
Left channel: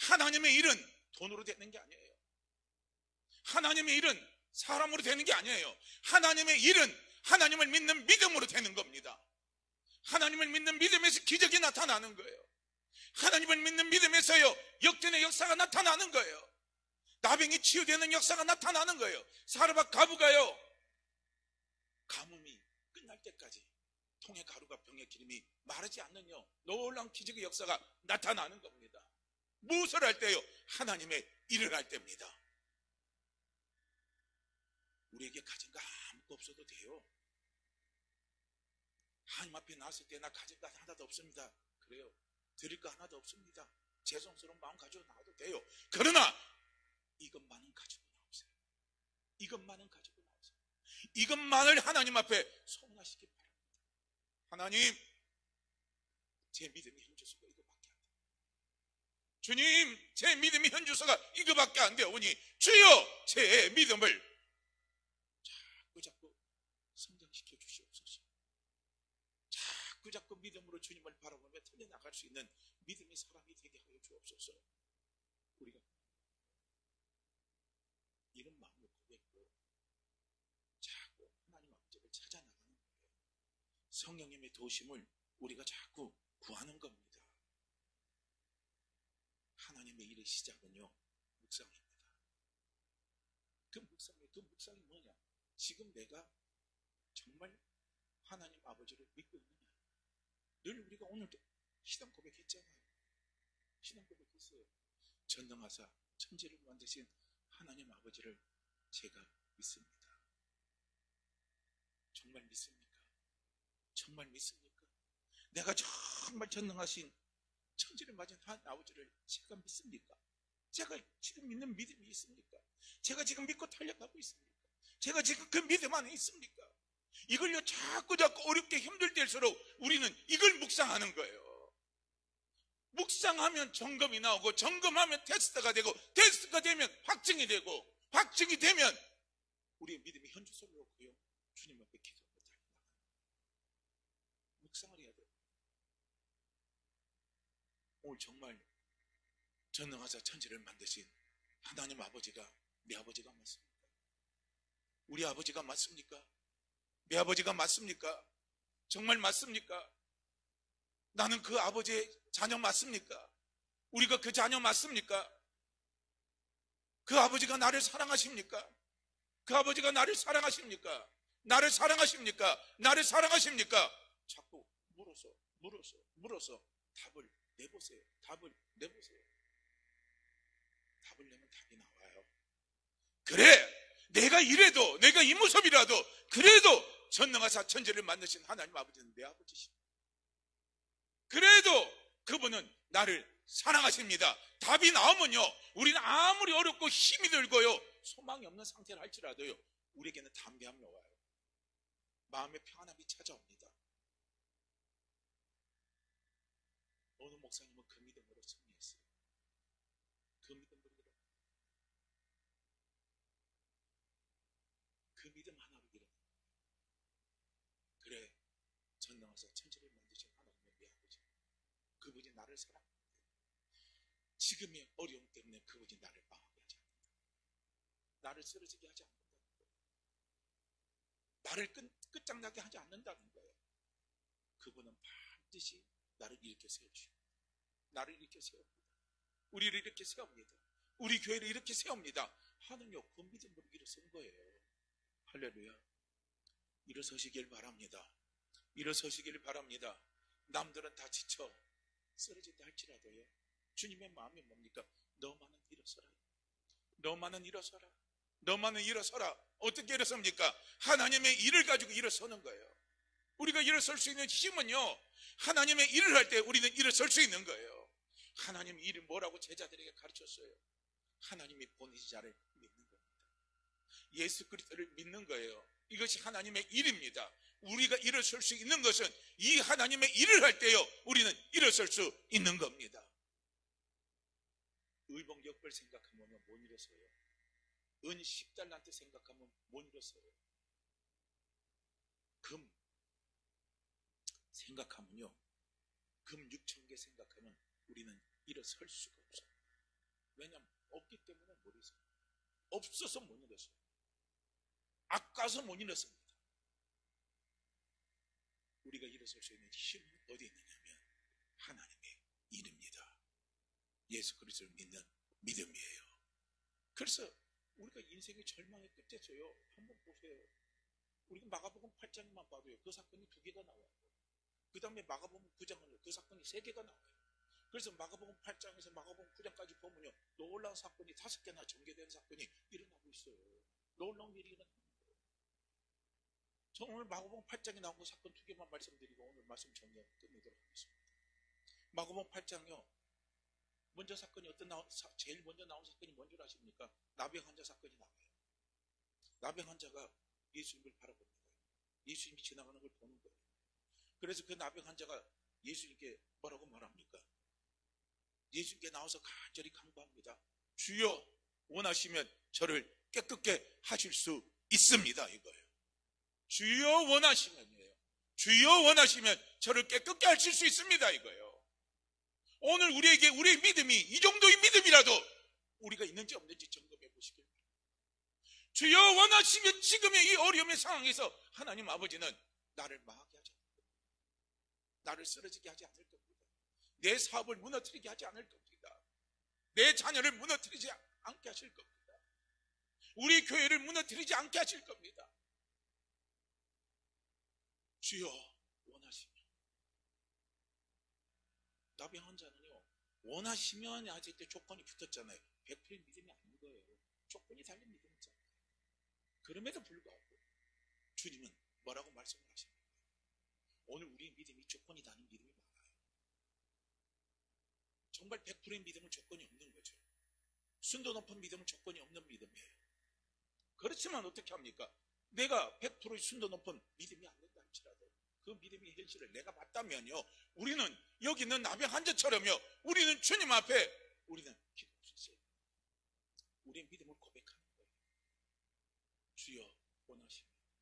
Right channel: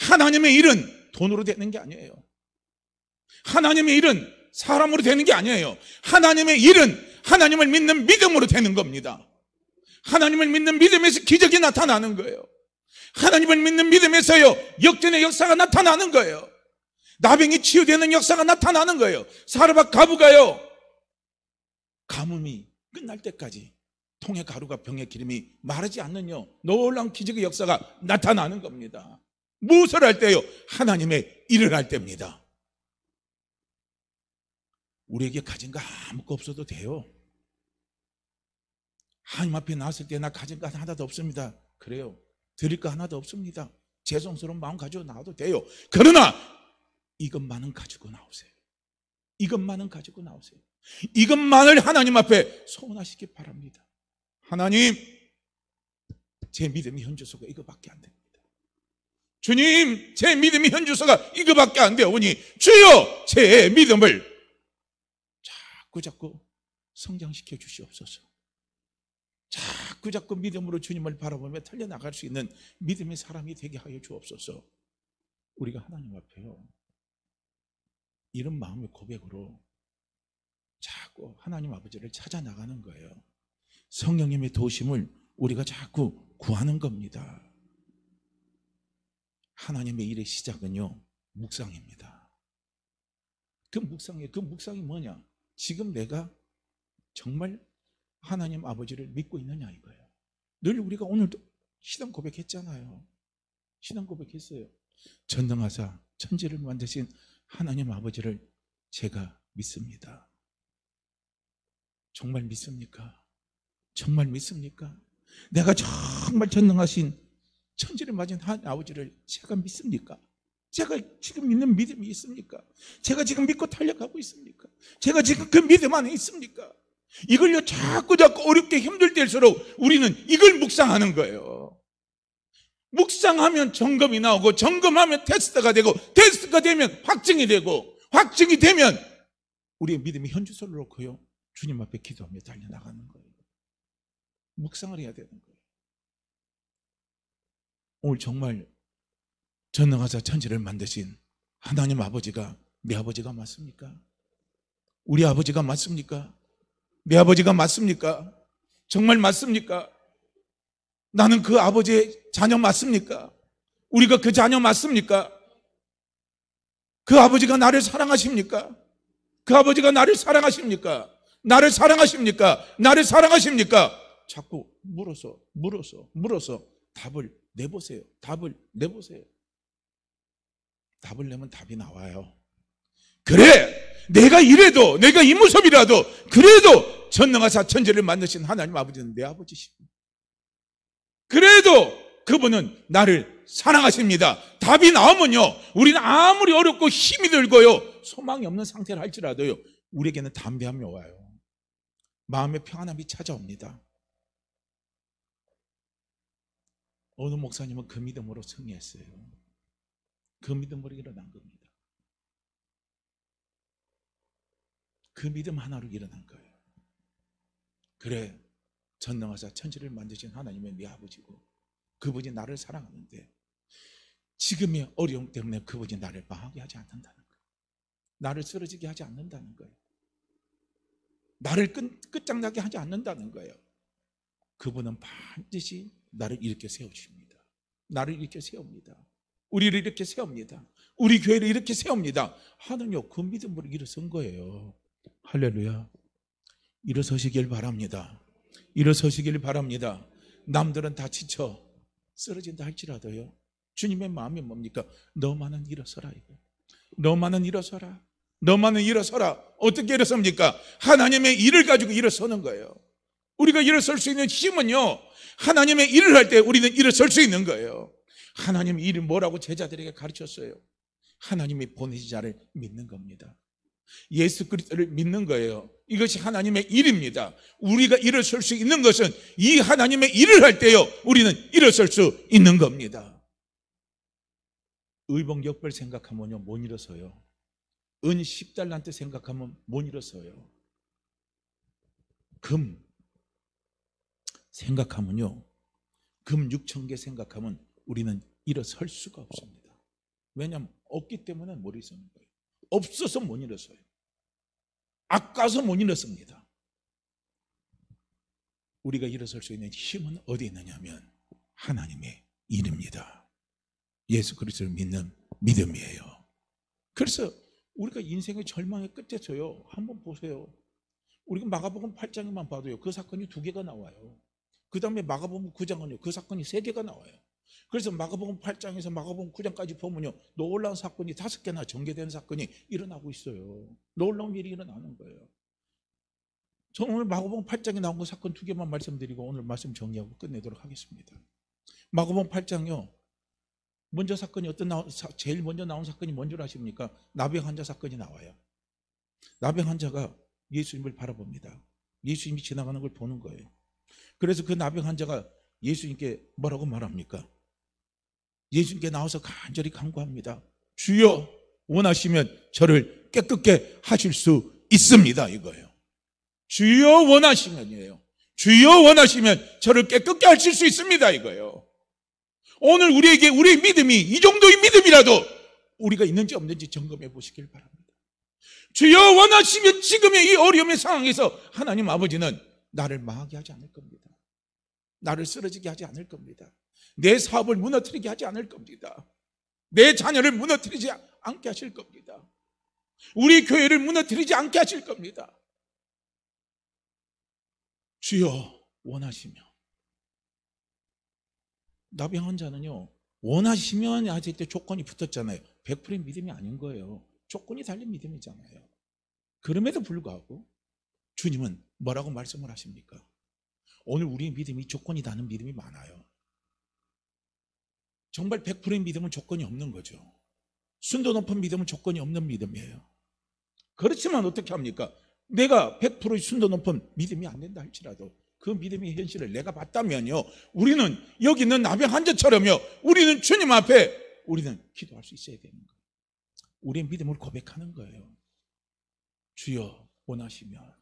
하나님의 일은 돈으로 되는 게 아니에요. 하나님의 일은 사람으로 되는 게 아니에요. 하나님의 일은 하나님을 믿는 믿음으로 되는 겁니다. 하나님을 믿는 믿음에서 기적이 나타나는 거예요. 하나님을 믿는 믿음에서요 역전의 역사가 나타나는 거예요. 나병이 치유되는 역사가 나타나는 거예요. 사르밧 가부가요 가뭄이 끝날 때까지 통의 가루가 병의 기름이 마르지 않느냐 놀라운 기적의 역사가 나타나는 겁니다. 무엇을 할 때요? 하나님의 일을 할 때입니다. 우리에게 가진 거 아무것도 없어도 돼요. 하나님 앞에 나왔을 때 나 가진 거 하나도 없습니다. 그래요. 드릴 거 하나도 없습니다. 죄송스러운 마음 가지고 나와도 돼요. 그러나 이것만은 가지고 나오세요. 이것만은 가지고 나오세요. 이것만을 하나님 앞에 소원하시기 바랍니다. 하나님, 제 믿음의 현주소가 이거밖에 안 됩니다. 주님, 제 믿음의 현주소가 이거밖에 안 되오니 주여 제 믿음을 자꾸 성장시켜 주시옵소서. 자꾸 믿음으로 주님을 바라보며 달려나갈 수 있는 믿음의 사람이 되게 하여 주옵소서. 우리가 하나님 앞에요, 이런 마음의 고백으로 자꾸 하나님 아버지를 찾아 나가는 거예요. 성령님의 도우심을 우리가 자꾸 구하는 겁니다. 하나님의 일의 시작은요, 묵상입니다. 그 묵상이 뭐냐? 지금 내가 정말 하나님 아버지를 믿고 있느냐 이거예요. 늘 우리가 오늘도 신앙 고백했잖아요. 신앙 고백했어요. 전능하사 천지를 만드신 하나님 아버지를 제가 믿습니다. 정말 믿습니까? 정말 믿습니까? 내가 정말 전능하신 천지를 만드신 하나님 아버지를 제가 믿습니까? 제가 지금 믿는 믿음이 있습니까? 제가 지금 믿고 달려가고 있습니까? 제가 지금 그 믿음 안에 있습니까? 이걸요 자꾸 어렵게 힘들 때일수록 우리는 이걸 묵상하는 거예요. 묵상하면 점검이 나오고, 점검하면 테스트가 되고, 테스트가 되면 확증이 되고, 확증이 되면 우리의 믿음이 현주소를 놓고요 주님 앞에 기도하며 달려나가는 거예요. 묵상을 해야 되는 거예요. 오늘 정말 전능하사 천지를 만드신 하나님 아버지가 내 아버지가 맞습니까? 우리 아버지가 맞습니까? 내 아버지가 맞습니까? 정말 맞습니까? 나는 그 아버지의 자녀 맞습니까? 우리가 그 자녀 맞습니까? 그 아버지가 나를 사랑하십니까? 그 아버지가 나를 사랑하십니까? 나를 사랑하십니까? 나를 사랑하십니까? 자꾸 물어서 답을 내보세요. 답을 내보세요. 답을 내면 답이 나와요. 그래, 내가 이래도, 내가 이 모습이라도 그래도 전능하사 천지를 만드신 하나님 아버지는 내 아버지십니다. 그래도 그분은 나를 사랑하십니다. 답이 나오면요, 우리는 아무리 어렵고 힘이 들고요 소망이 없는 상태를 할지라도요 우리에게는 담대함이 와요. 마음의 평안함이 찾아옵니다. 어느 목사님은 그 믿음으로 승리했어요. 그 믿음으로 일어난 겁니다. 그 믿음 하나로 일어난 거예요. 그래, 전능하사 천지를 만드신 하나님의 네 아버지고 그분이 나를 사랑하는데 지금의 어려움 때문에 그분이 나를 망하게 하지 않는다는 거예요. 나를 쓰러지게 하지 않는다는 거예요. 나를 끝장나게 하지 않는다는 거예요. 그분은 반드시 나를 일으켜 세우십니다. 나를 일으켜 세웁니다. 우리를 이렇게 세웁니다. 우리 교회를 이렇게 세웁니다. 하는요, 그 믿음으로 일어선 거예요. 할렐루야. 일어서시길 바랍니다. 일어서시길 바랍니다. 남들은 다 지쳐 쓰러진다 할지라도요 주님의 마음이 뭡니까? 너만은 일어서라 이거예요. 너만은 일어서라. 너만은 일어서라. 어떻게 일어섭니까? 하나님의 일을 가지고 일어서는 거예요. 우리가 일어설 수 있는 힘은요 하나님의 일을 할 때 우리는 일어설 수 있는 거예요. 하나님의 일이 뭐라고 제자들에게 가르쳤어요? 하나님이 보내신 자를 믿는 겁니다. 예수 그리스도를 믿는 거예요. 이것이 하나님의 일입니다. 우리가 일어설 수 있는 것은 이 하나님의 일을 할 때요 우리는 일어설 수 있는 겁니다. 의복역별 생각하면요 못 일어서요. 은 10달란트 생각하면 못 일어서요. 금 생각하면요 금 6,000개 생각하면 우리는 일어설 수가 없습니다. 왜냐하면 없기 때문에 못 일어서는 거예요. 없어서 못 일어서요. 아까워서 못 일어섭니다. 우리가 일어설 수 있는 힘은 어디에 있느냐면 하나님의 일입니다. 예수 그리스도를 믿는 믿음이에요. 그래서 우리가 인생의 절망의 끝에서요 한번 보세요. 우리가 마가복음 8장에만 봐도요, 그 사건이 2개가 나와요. 그 다음에 마가복음 9장은요, 그 사건이 3개가 나와요. 그래서 마가복음 8장에서 마가복음 9장까지 보면요, 놀라운 사건이 5개나 전개된 사건이 일어나고 있어요. 놀라운 일이 일어나는 거예요. 저는 오늘 마가복음 8장에 나온 그 사건 2개만 말씀드리고 오늘 말씀 정리하고 끝내도록 하겠습니다. 마가복음 8장요, 먼저 사건이 제일 먼저 나온 사건이 뭔 줄 아십니까? 나병 환자 사건이 나와요. 나병 환자가 예수님을 바라봅니다. 예수님이 지나가는 걸 보는 거예요. 그래서 그 나병 환자가 예수님께 뭐라고 말합니까? 예수님께 나와서 간절히 간구합니다. 주여, 원하시면 저를 깨끗게 하실 수 있습니다, 이거예요. 주여 원하시면이에요. 주여 원하시면 저를 깨끗게 하실 수 있습니다, 이거예요. 오늘 우리에게 우리의 믿음이 이 정도의 믿음이라도 우리가 있는지 없는지 점검해 보시길 바랍니다. 주여 원하시면 지금의 이 어려움의 상황에서 하나님 아버지는 나를 망하게 하지 않을 겁니다. 나를 쓰러지게 하지 않을 겁니다. 내 사업을 무너뜨리게 하지 않을 겁니다. 내 자녀를 무너뜨리지 않게 하실 겁니다. 우리 교회를 무너뜨리지 않게 하실 겁니다. 주여 원하시며. 나병 환자는요, 원하시면 하실 때 조건이 붙었잖아요. 100%의 믿음이 아닌 거예요. 조건이 달린 믿음이잖아요. 그럼에도 불구하고 주님은 뭐라고 말씀을 하십니까? 오늘 우리의 믿음이 조건이 다는 믿음이 많아요. 정말 100%의 믿음은 조건이 없는 거죠. 순도 높은 믿음은 조건이 없는 믿음이에요. 그렇지만 어떻게 합니까? 내가 100%의 순도 높은 믿음이 안 된다 할지라도 그 믿음의 현실을 내가 봤다면요, 우리는 여기 있는 나병 환자처럼요, 우리는 주님 앞에 우리는 기도할 수 있어야 되는 거예요. 우리의 믿음을 고백하는 거예요. 주여 원하시면,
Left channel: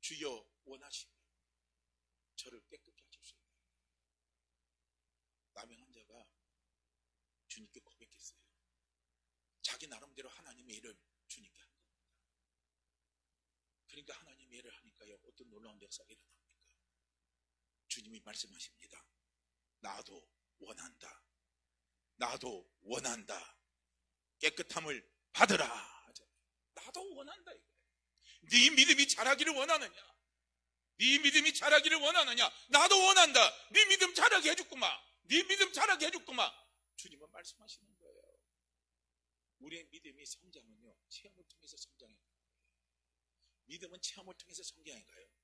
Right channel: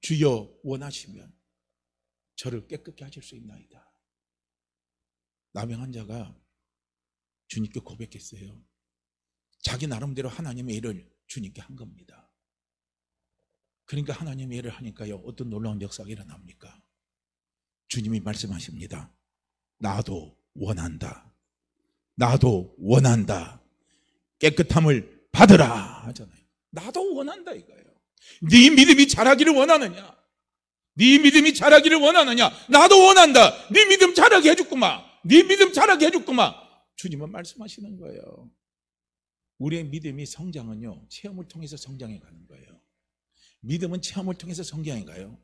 주여 원하시면 저를 깨끗게 하실 수 있나이다. 나병 환자가 주님께 고백했어요. 자기 나름대로 하나님의 일을 주님께 한 겁니다. 그러니까 하나님의 일을 하니까요, 어떤 놀라운 역사가 일어납니까? 주님이 말씀하십니다. 나도 원한다. 나도 원한다. 깨끗함을 받으라 하잖아요. 나도 원한다 이거예요. 네 믿음이 자라기를 원하느냐? 네 믿음이 자라기를 원하느냐? 나도 원한다. 네 믿음 자라게 해줬구만. 네 믿음 자라게 해줬구만. 주님은 말씀하시는 거예요. 우리의 믿음이 성장은요, 체험을 통해서 성장해 가는 거예요. 믿음은 체험을 통해서 성장해 가요.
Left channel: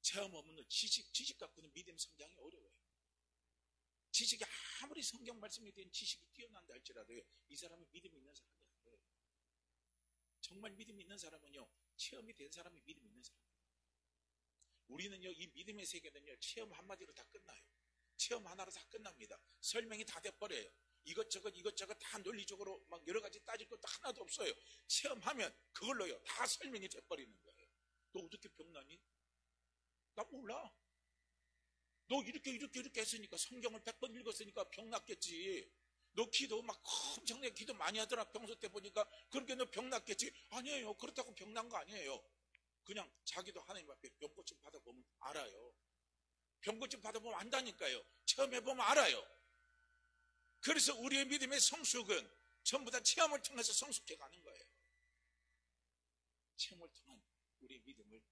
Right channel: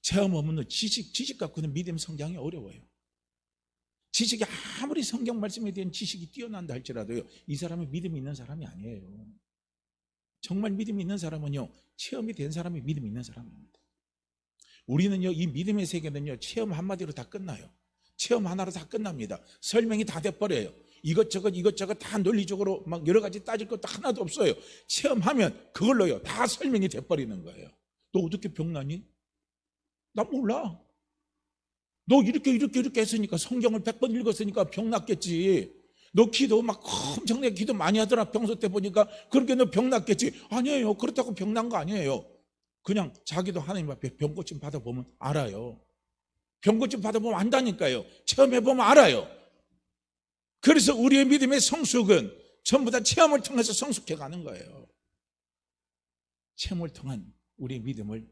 체험 없는 지식 갖고는 믿음 성장이 어려워요. 지식이 아무리 성경 말씀에 대한 지식이 뛰어난다 할지라도요, 이 사람은 믿음이 있는 사람이 아니에요. 정말 믿음이 있는 사람은요, 체험이 된 사람이 믿음이 있는 사람입니다. 우리는요, 이 믿음의 세계는요, 체험 한마디로 다 끝나요. 체험 하나로 다 끝납니다. 설명이 다 돼버려요. 이것저것 다 논리적으로 막 여러 가지 따질 것도 하나도 없어요. 체험하면 그걸로요, 다 설명이 돼버리는 거예요. 너 어떻게 병나니? 나 몰라. 너 이렇게 했으니까, 성경을 100번 읽었으니까 병 났겠지. 너 기도 막 엄청나게 기도 많이 하더라. 평소 때 보니까. 그렇게 너 병 났겠지. 아니에요. 그렇다고 병 난 거 아니에요. 그냥 자기도 하나님 앞에 병 고침 받아보면 알아요. 병 고침 받아보면 안다니까요. 체험해보면 알아요. 그래서 우리의 믿음의 성숙은 전부 다 체험을 통해서 성숙해 가는 거예요. 체험을 통한 우리의 믿음을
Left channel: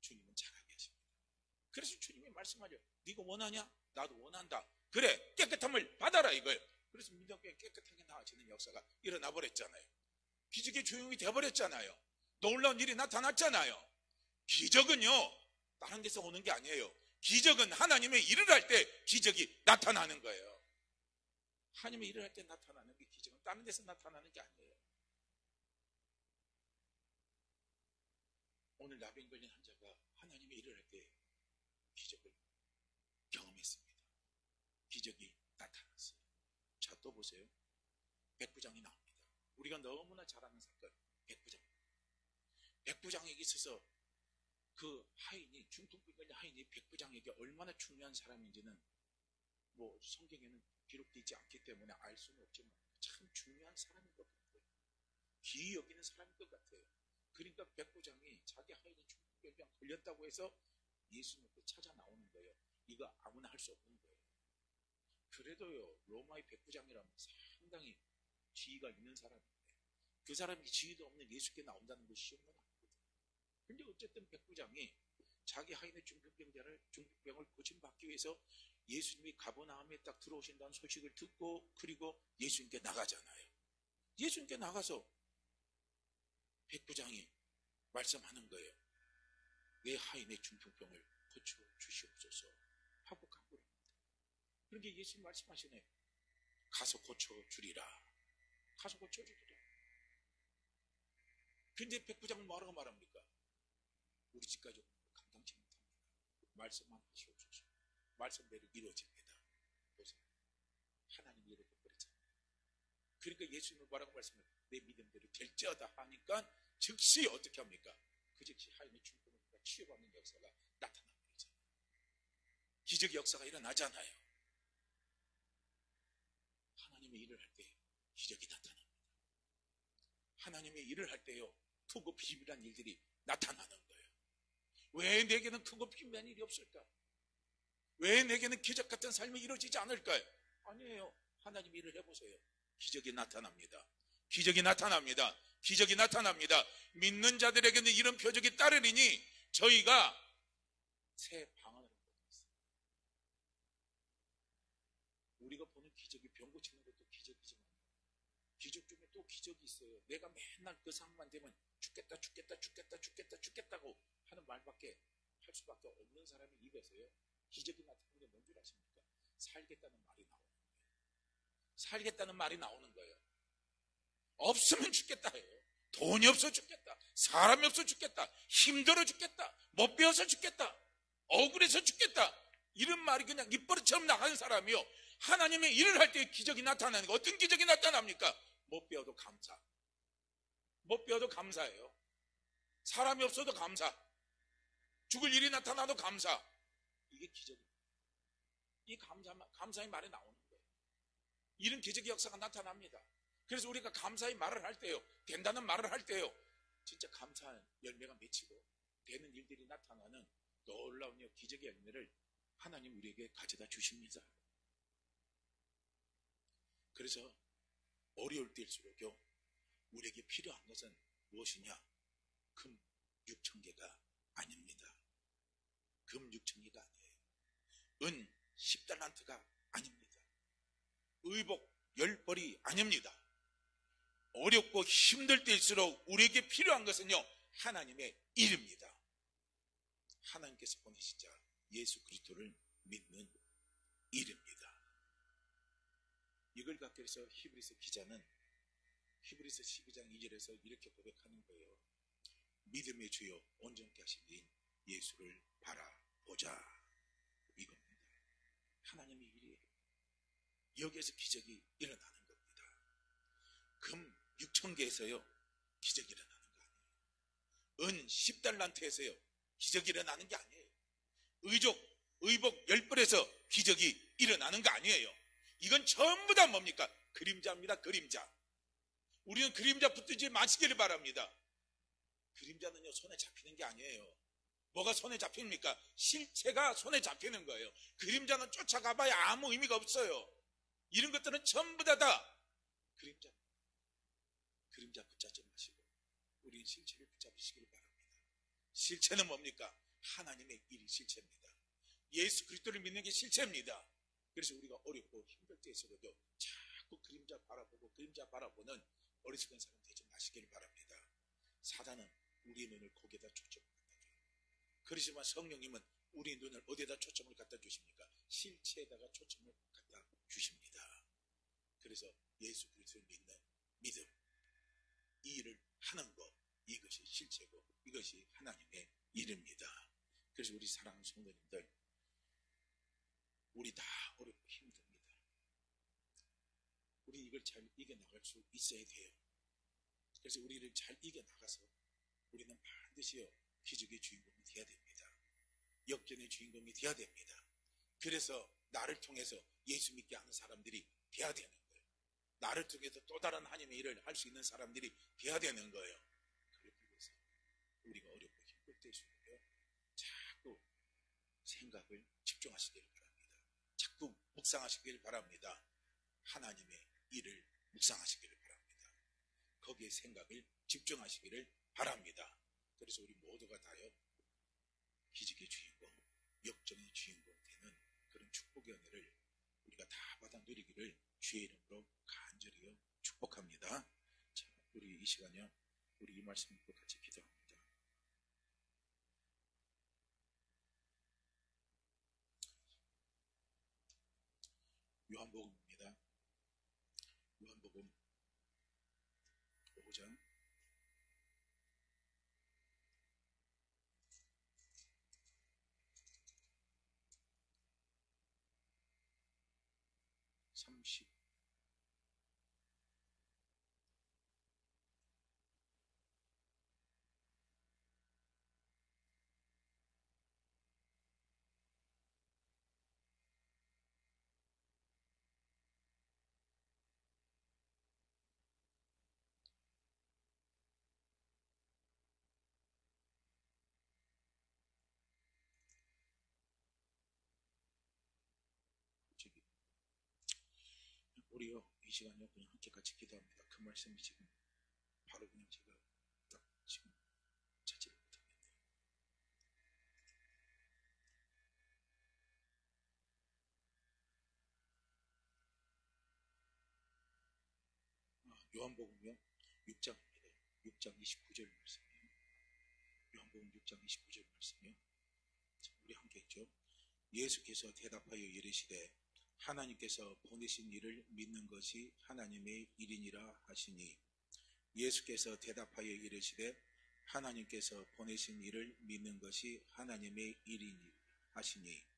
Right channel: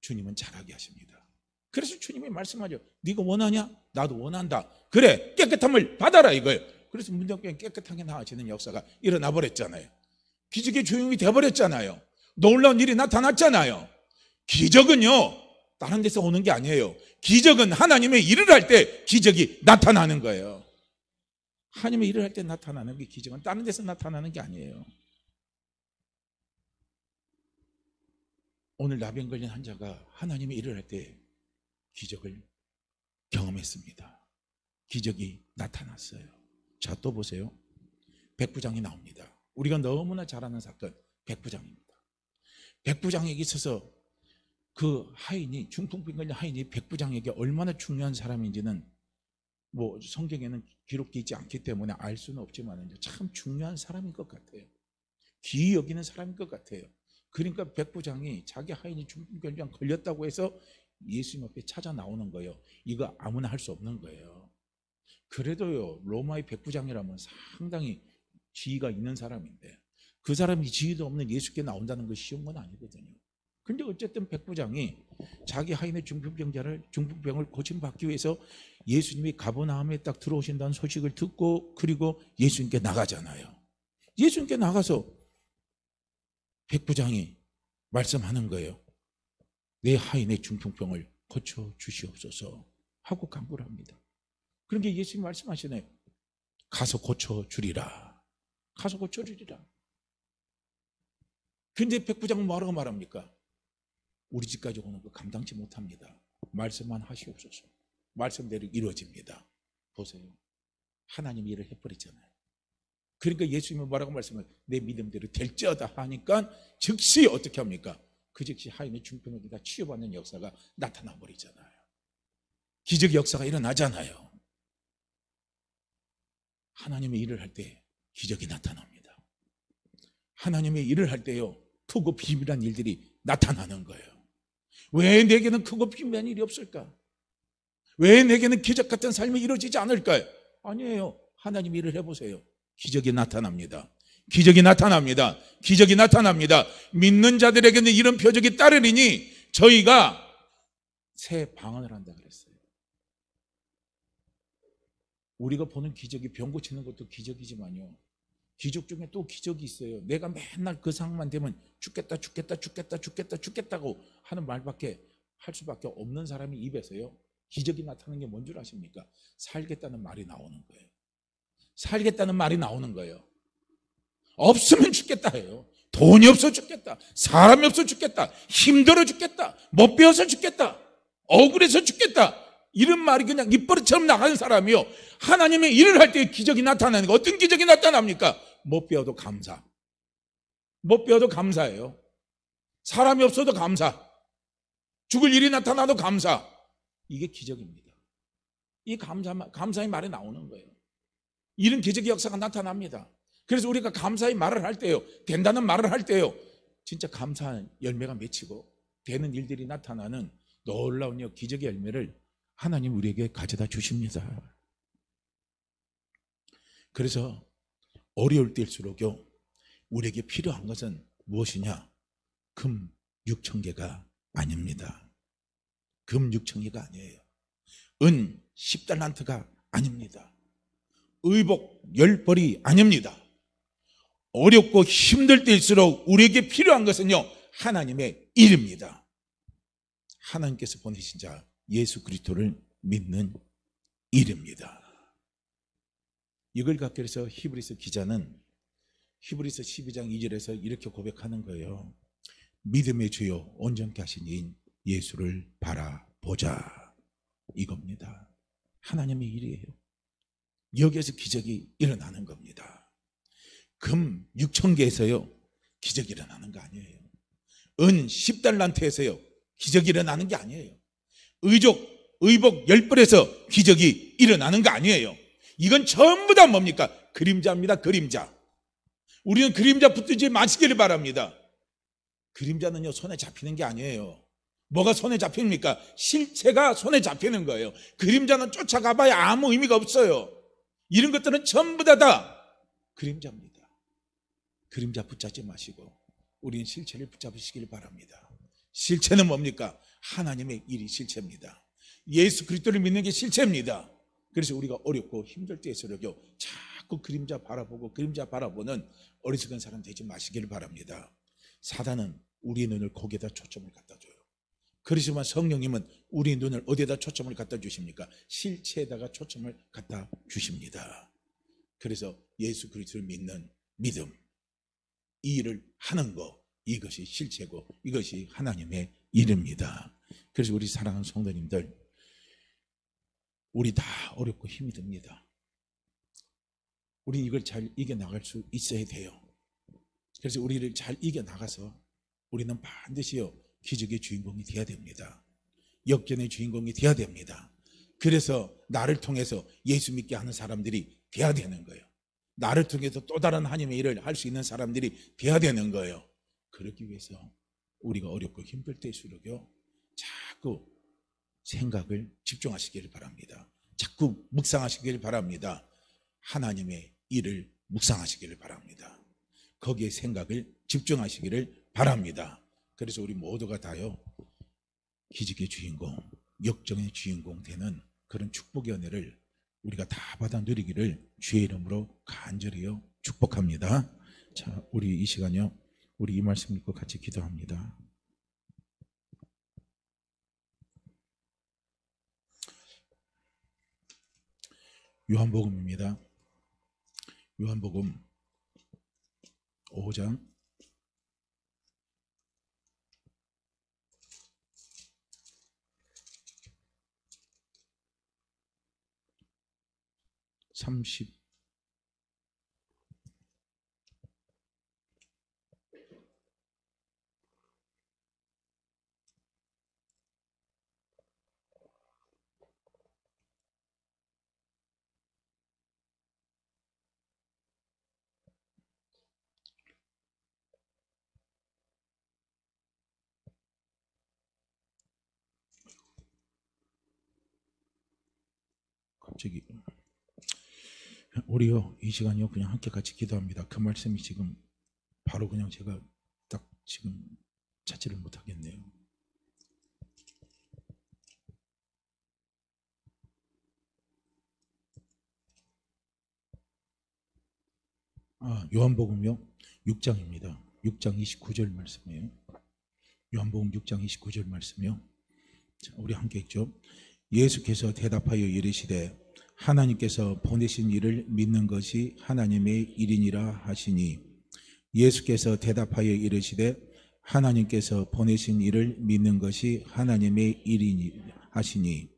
주님은 자라게 하십니다. 그래서 주님이 말씀하죠. 네가 원하냐? 나도 원한다. 그래, 깨끗함을 받아라 이거예요. 그래서 문정병이 깨끗하게 나아지는 역사가 일어나 버렸잖아요. 기적이 조용히 돼버렸잖아요. 놀라운 일이 나타났잖아요. 기적은요, 다른 데서 오는 게 아니에요. 기적은 하나님의 일을 할 때 기적이 나타나는 거예요. 하나님의 일을 할 때 나타나는 게 기적은 다른 데서 나타나는 게 아니에요. 오늘 나병 걸린 환자가 하나님의 일을 할 때 기적을 경험했습니다. 기적이 나타났어요. 자, 또 보세요. 백부장이 나옵니다. 우리가 너무나 잘 아는 사건, 백부장입니다. 백부장에게 있어서 그 하인이, 중풍병 걸린 하인이 백부장에게 얼마나 중요한 사람인지는 뭐 성경에는 기록되어 있지 않기 때문에 알 수는 없지만 참 중요한 사람인 것 같아요. 귀히 여기는 사람인 것 같아요. 그러니까 백부장이 자기 하인이 중풍병 걸렸다고 해서 예수님 앞에 찾아 나오는 거예요. 이거 아무나 할 수 없는 거예요. 그래도요, 로마의 백부장이라면 상당히 지위가 있는 사람인데 그 사람이 지위도 없는 예수께 나온다는 거 쉬운 건 아니거든요. 근데 어쨌든 백부장이 자기 하인의 중풍병을 고침받기 위해서 예수님이 가버나움에 딱 들어오신다는 소식을 듣고 그리고 예수님께 나가잖아요. 예수님께 나가서 백부장이 말씀하는 거예요. 내 하인의 중풍병을 고쳐 주시옵소서 하고 간구를 합니다. 그러니까 예수님이 말씀하시네. 가서 고쳐 주리라. 가서 고쳐 주리라. 근데 백부장은 뭐라고 말합니까? 우리 집까지 오는 거 감당치 못합니다. 말씀만 하시옵소서. 말씀대로 이루어집니다. 보세요. 하나님이 일을 해버리잖아요. 그러니까 예수님은 뭐라고 말씀을 내 믿음대로 될지어다 하니까 즉시 어떻게 합니까? 그 즉시 하인의 중풍을 다 치유받는 역사가 나타나 버리잖아요. 기적 역사가 일어나잖아요. 하나님의 일을 할 때 기적이 나타납니다. 하나님의 일을 할 때요 크고 비밀한 일들이 나타나는 거예요. 왜 내게는 크고 비밀한 일이 없을까? 왜 내게는 기적 같은 삶이 이루어지지 않을까요? 아니에요. 하나님 일을 해보세요. 기적이 나타납니다. 기적이 나타납니다. 기적이 나타납니다. 믿는 자들에게는 이런 표적이 따르리니 저희가 새 방언을 한다 그랬어요. 우리가 보는 기적이 병 고치는 것도 기적이지만요, 기적 중에 또 기적이 있어요. 내가 맨날 그 상황만 되면 죽겠다 죽겠다 죽겠다 죽겠다 죽겠다고 하는 말밖에 할 수밖에 없는 사람이 입에서요 기적이 나타나는 게 뭔 줄 아십니까? 살겠다는 말이 나오는 거예요. 살겠다는 말이 나오는 거예요. 없으면 죽겠다 해요. 돈이 없어 죽겠다, 사람이 없어 죽겠다, 힘들어 죽겠다, 못 배워서 죽겠다, 억울해서 죽겠다, 이런 말이 그냥 입버릇처럼 나가는 사람이요, 하나님의 일을 할 때 기적이 나타나는 거. 어떤 기적이 나타납니까? 못 배워도 감사. 못 배워도 감사해요. 사람이 없어도 감사. 죽을 일이 나타나도 감사. 이게 기적입니다. 이 감사의 말이 나오는 거예요. 이런 기적의 역사가 나타납니다. 그래서 우리가 감사의 말을 할 때요, 된다는 말을 할 때요, 진짜 감사한 열매가 맺히고 되는 일들이 나타나는 놀라운 기적의 열매를 하나님 우리에게 가져다 주십니다. 그래서 어려울 때일수록요 우리에게 필요한 것은 무엇이냐? 금 6,000개가 아닙니다. 금 6,000개가 아니에요. 은 10달란트가 아닙니다. 의복 10벌이 아닙니다. 어렵고 힘들 때일수록 우리에게 필요한 것은요 하나님의 일입니다. 하나님께서 보내신 자 예수 그리스도를 믿는 일입니다. 이걸 갖고 해서 히브리서 기자는 히브리서 12장 2절에서 이렇게 고백하는 거예요. 믿음의 주요 온전케 하신 이인 예수를 바라보자, 이겁니다. 하나님의 일이에요. 여기에서 기적이 일어나는 겁니다. 금 6,000개에서요 기적이 일어나는 거 아니에요. 은 10달란트에서요 기적이 일어나는 게 아니에요. 의복 10벌에서 기적이 일어나는 거 아니에요. 이건 전부 다 뭡니까? 그림자입니다. 그림자. 우리는 그림자 붙들지 마시기를 바랍니다. 그림자는요 손에 잡히는 게 아니에요. 뭐가 손에 잡힙니까? 실체가 손에 잡히는 거예요. 그림자는 쫓아가봐야 아무 의미가 없어요. 이런 것들은 전부 다 그림자입니다. 그림자 붙잡지 마시고 우리는 실체를 붙잡으시기를 바랍니다. 실체는 뭡니까? 하나님의 일이 실체입니다. 예수 그리스도를 믿는 게 실체입니다. 그래서 우리가 어렵고 힘들 때일수록요 자꾸 그림자 바라보고 그림자 바라보는 어리석은 사람 되지 마시기를 바랍니다. 사단은 우리의 눈을 거기에다 초점을 갖다 줘요. 그렇지만 성령님은 우리의 눈을 어디에다 초점을 갖다 주십니까? 실체에다가 초점을 갖다 주십니다. 그래서 예수 그리스도를 믿는 믿음, 이 일을 하는 거, 이것이 실체고 이것이 하나님의 일입니다. 그래서 우리 사랑하는 성도님들, 우리 다 어렵고 힘이 듭니다. 우리 이걸 잘 이겨나갈 수 있어야 돼요. 그래서 우리를 잘 이겨나가서 우리는 반드시요 기적의 주인공이 되어야 됩니다. 역전의 주인공이 되어야 됩니다. 그래서 나를 통해서 예수 믿게 하는 사람들이 되어야 되는 거예요. 나를 통해서 또 다른 하나님의 일을 할 수 있는 사람들이 되어야 되는 거예요. 그러기 위해서 우리가 어렵고 힘들 때일수록요 자꾸 생각을 집중하시기를 바랍니다. 자꾸 묵상하시기를 바랍니다. 하나님의 일을 묵상하시기를 바랍니다. 거기에 생각을 집중하시기를 바랍니다. 그래서 우리 모두가 다요 기적의 주인공, 역정의 주인공 되는 그런 축복의 은혜를 우리가 다 받아 누리기를 주의 이름으로 간절히요 축복합니다. 자, 우리 이 시간요 우리 이 말씀 읽고 같이 기도합니다. 요한복음입니다. 요한복음 5장 30 갑자기 우리요 이 시간이요 그냥 함께 같이 기도합니다. 그 말씀이 지금 바로 그냥 제가 딱 지금 찾지를 못하겠네요. 요한복음요 6장입니다. 6장 29절 말씀이에요. 요한복음 6장 29절 말씀이요. 자, 우리 함께 읽죠. 예수께서 대답하여 이르시되 하나님께서 보내신 이를 믿는 것이 하나님의 일이니라 하시니. 예수께서 대답하여 이르시되 하나님께서 보내신 이를 믿는 것이 하나님의 일이니라 하시니.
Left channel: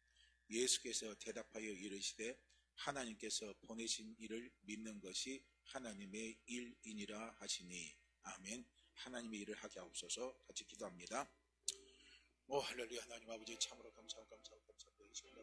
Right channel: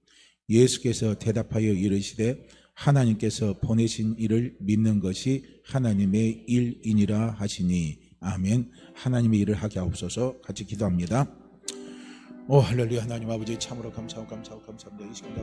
예수께서 대답하여 이르시되 하나님께서 보내신 이를 믿는 것이 하나님의 일이니라 하시니. 아멘. 하나님의 일을 하게 하옵소서. 같이 기도합니다. 오 할렐루야. 하나님 아버지 참으로 감사합니다. 이 시간